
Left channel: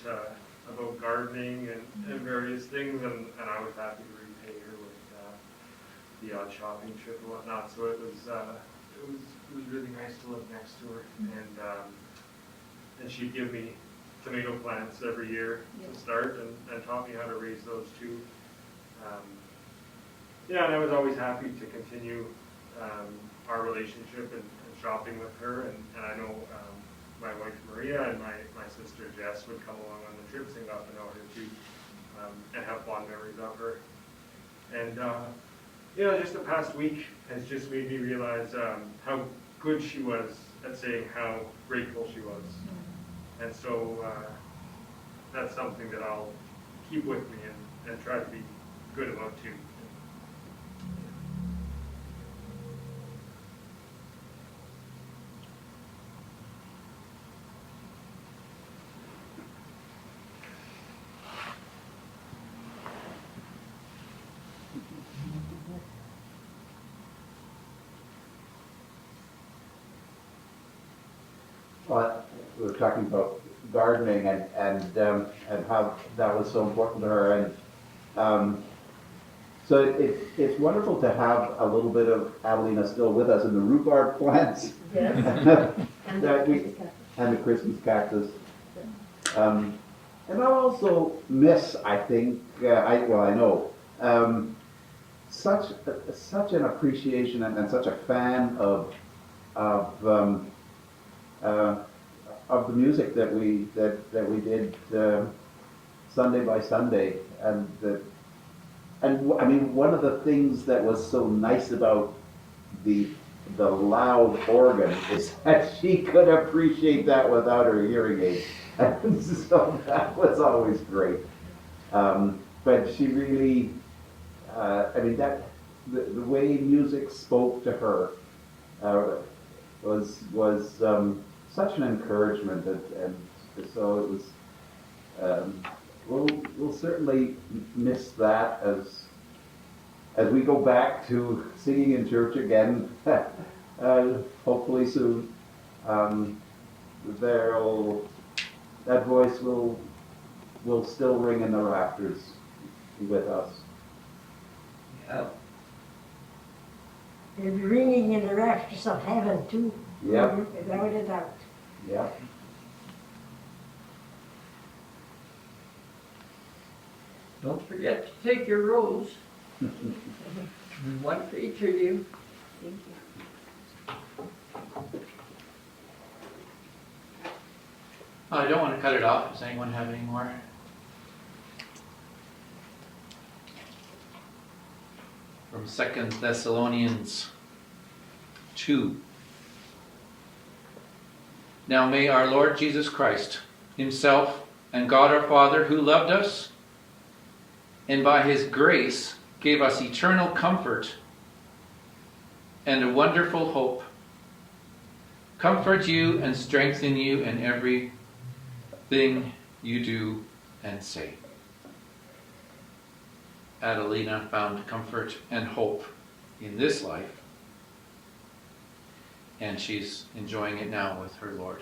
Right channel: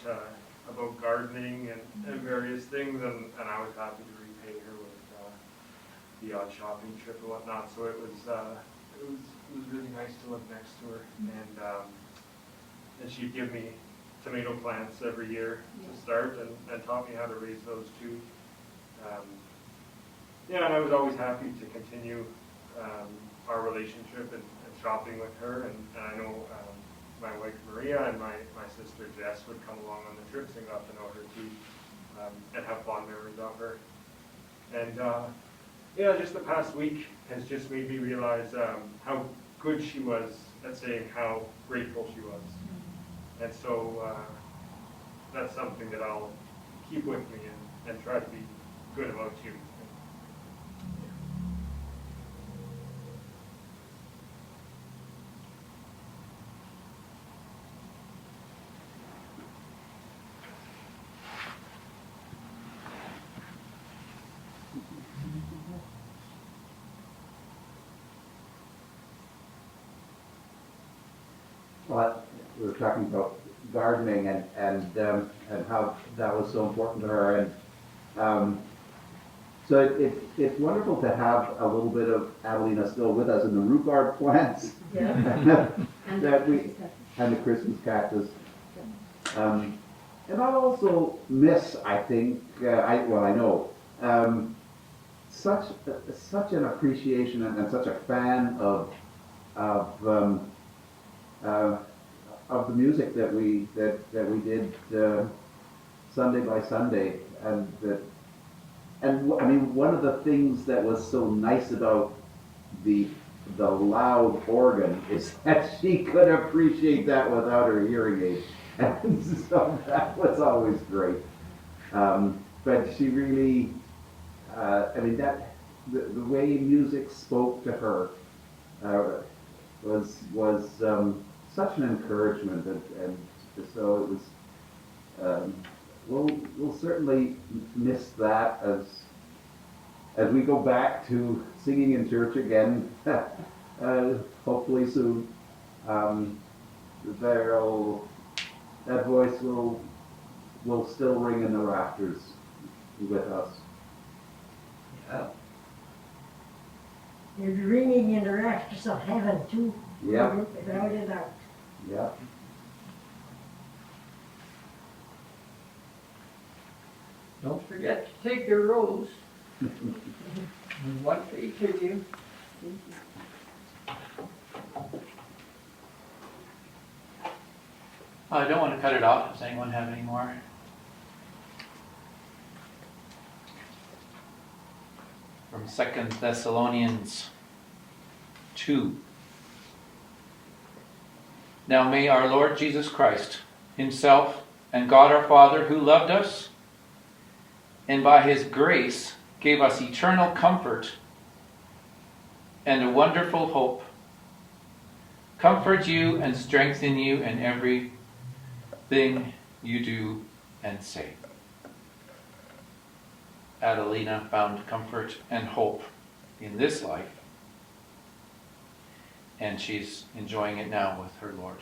gardening and various things, and I was happy to repay her with the odd shopping trip and whatnot. So it was really nice to live next to her, and she'd give me tomato plants every year to start, and taught me how to raise those too. And I was always happy to continue our relationship and shopping with her, and I know my wife Maria and my sister Jess would come along on the trips and got to know her too, and have fond memories of her. And just the past week has just made me realize how good she was at saying how grateful she was. And so that's something that I'll keep with me and try to be good about too. Well, we were talking about gardening and how that was so important to her, and so it's wonderful to have a little bit of Adelina still with us in the rhubarb plants that we and the Christmas cactus, and I also miss, I think, I know such an appreciation and such a fan of the music that we did Sunday by Sunday, and I mean, one of the things that was so nice about the the loud organ is that she could appreciate that without her hearing aid. And so that was always great. But she really, I mean, the way music spoke to her was such an encouragement, and so it was. We'll certainly miss that as we go back to singing in church again, hopefully soon. That voice will still ring in the rafters with us. Yeah. They're ringing in the rafters of heaven too. Yep. Without a doubt. Yep. Don't forget to take your rose. And one for each of you. I don't want to cut it off. Does anyone have any more? From 2 Thessalonians 2. Now may our Lord Jesus Christ himself and God our Father, who loved us and by his grace gave us eternal comfort and a wonderful hope, comfort you and strengthen you in everything you do and say. Adelina found comfort and hope in this life, and she's enjoying it now with her Lord.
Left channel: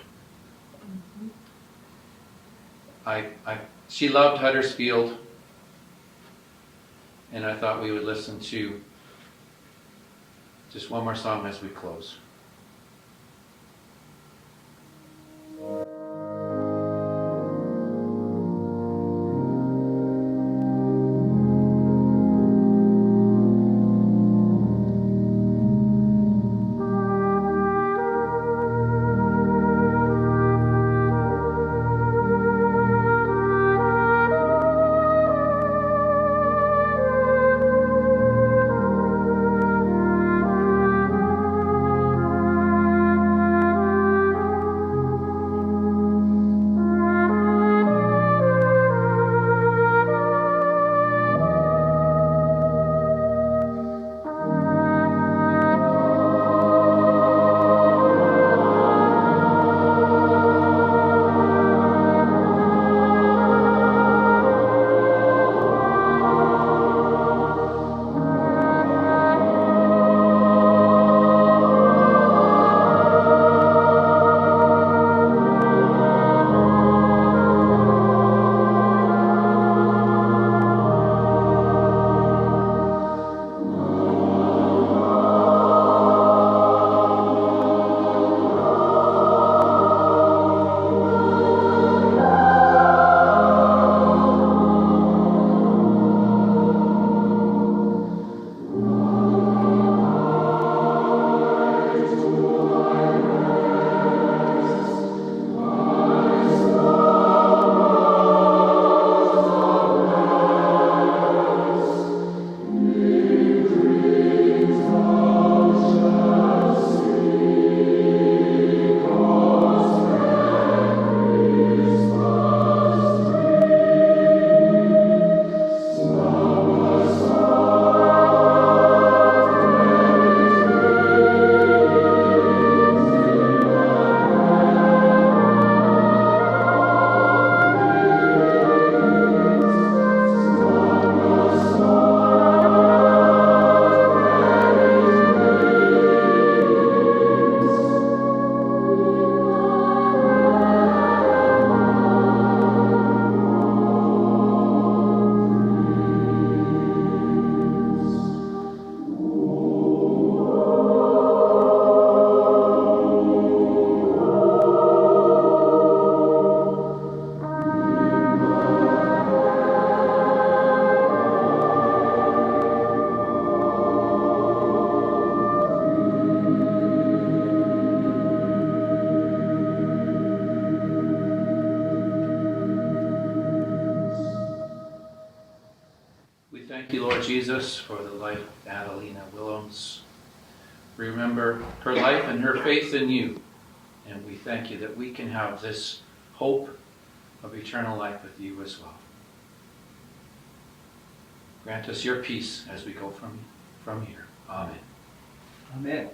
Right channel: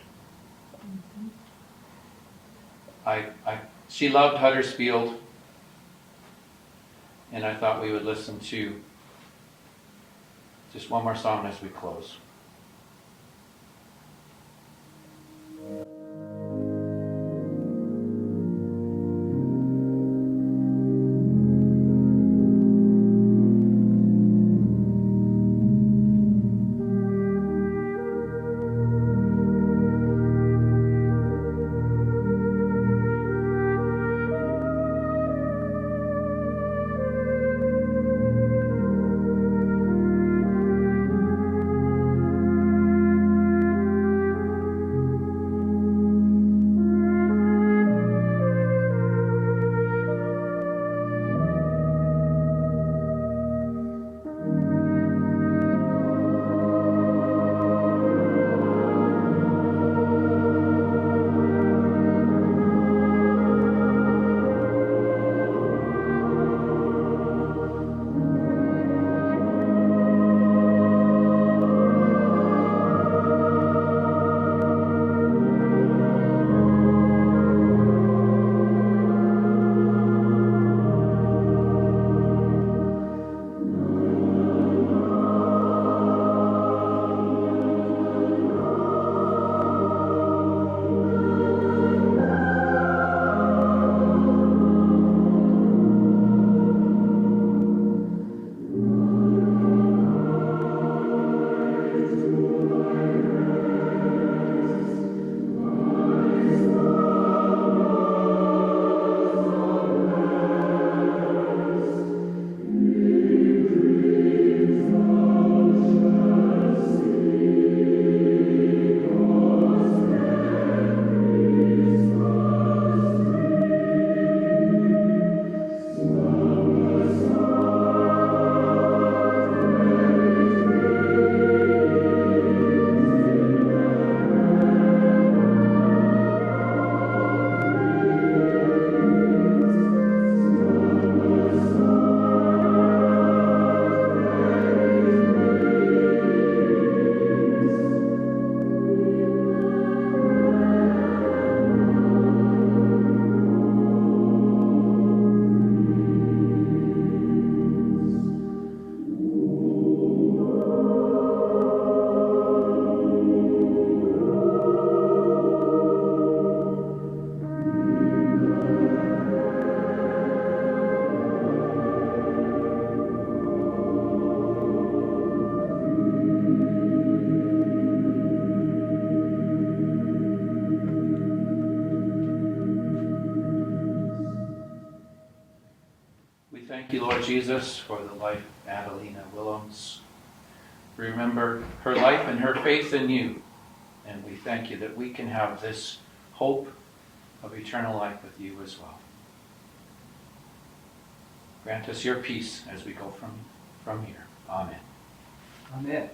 She loved Huddersfield, and I thought we would listen to just one more song as we close. Thank you, Lord Jesus, for the life of AdelinaWillems. remember her life and her faith in you. And we thank you that we can have this hope of eternal life with you as well. Grant us your peace as we go from here. Amen. Amen.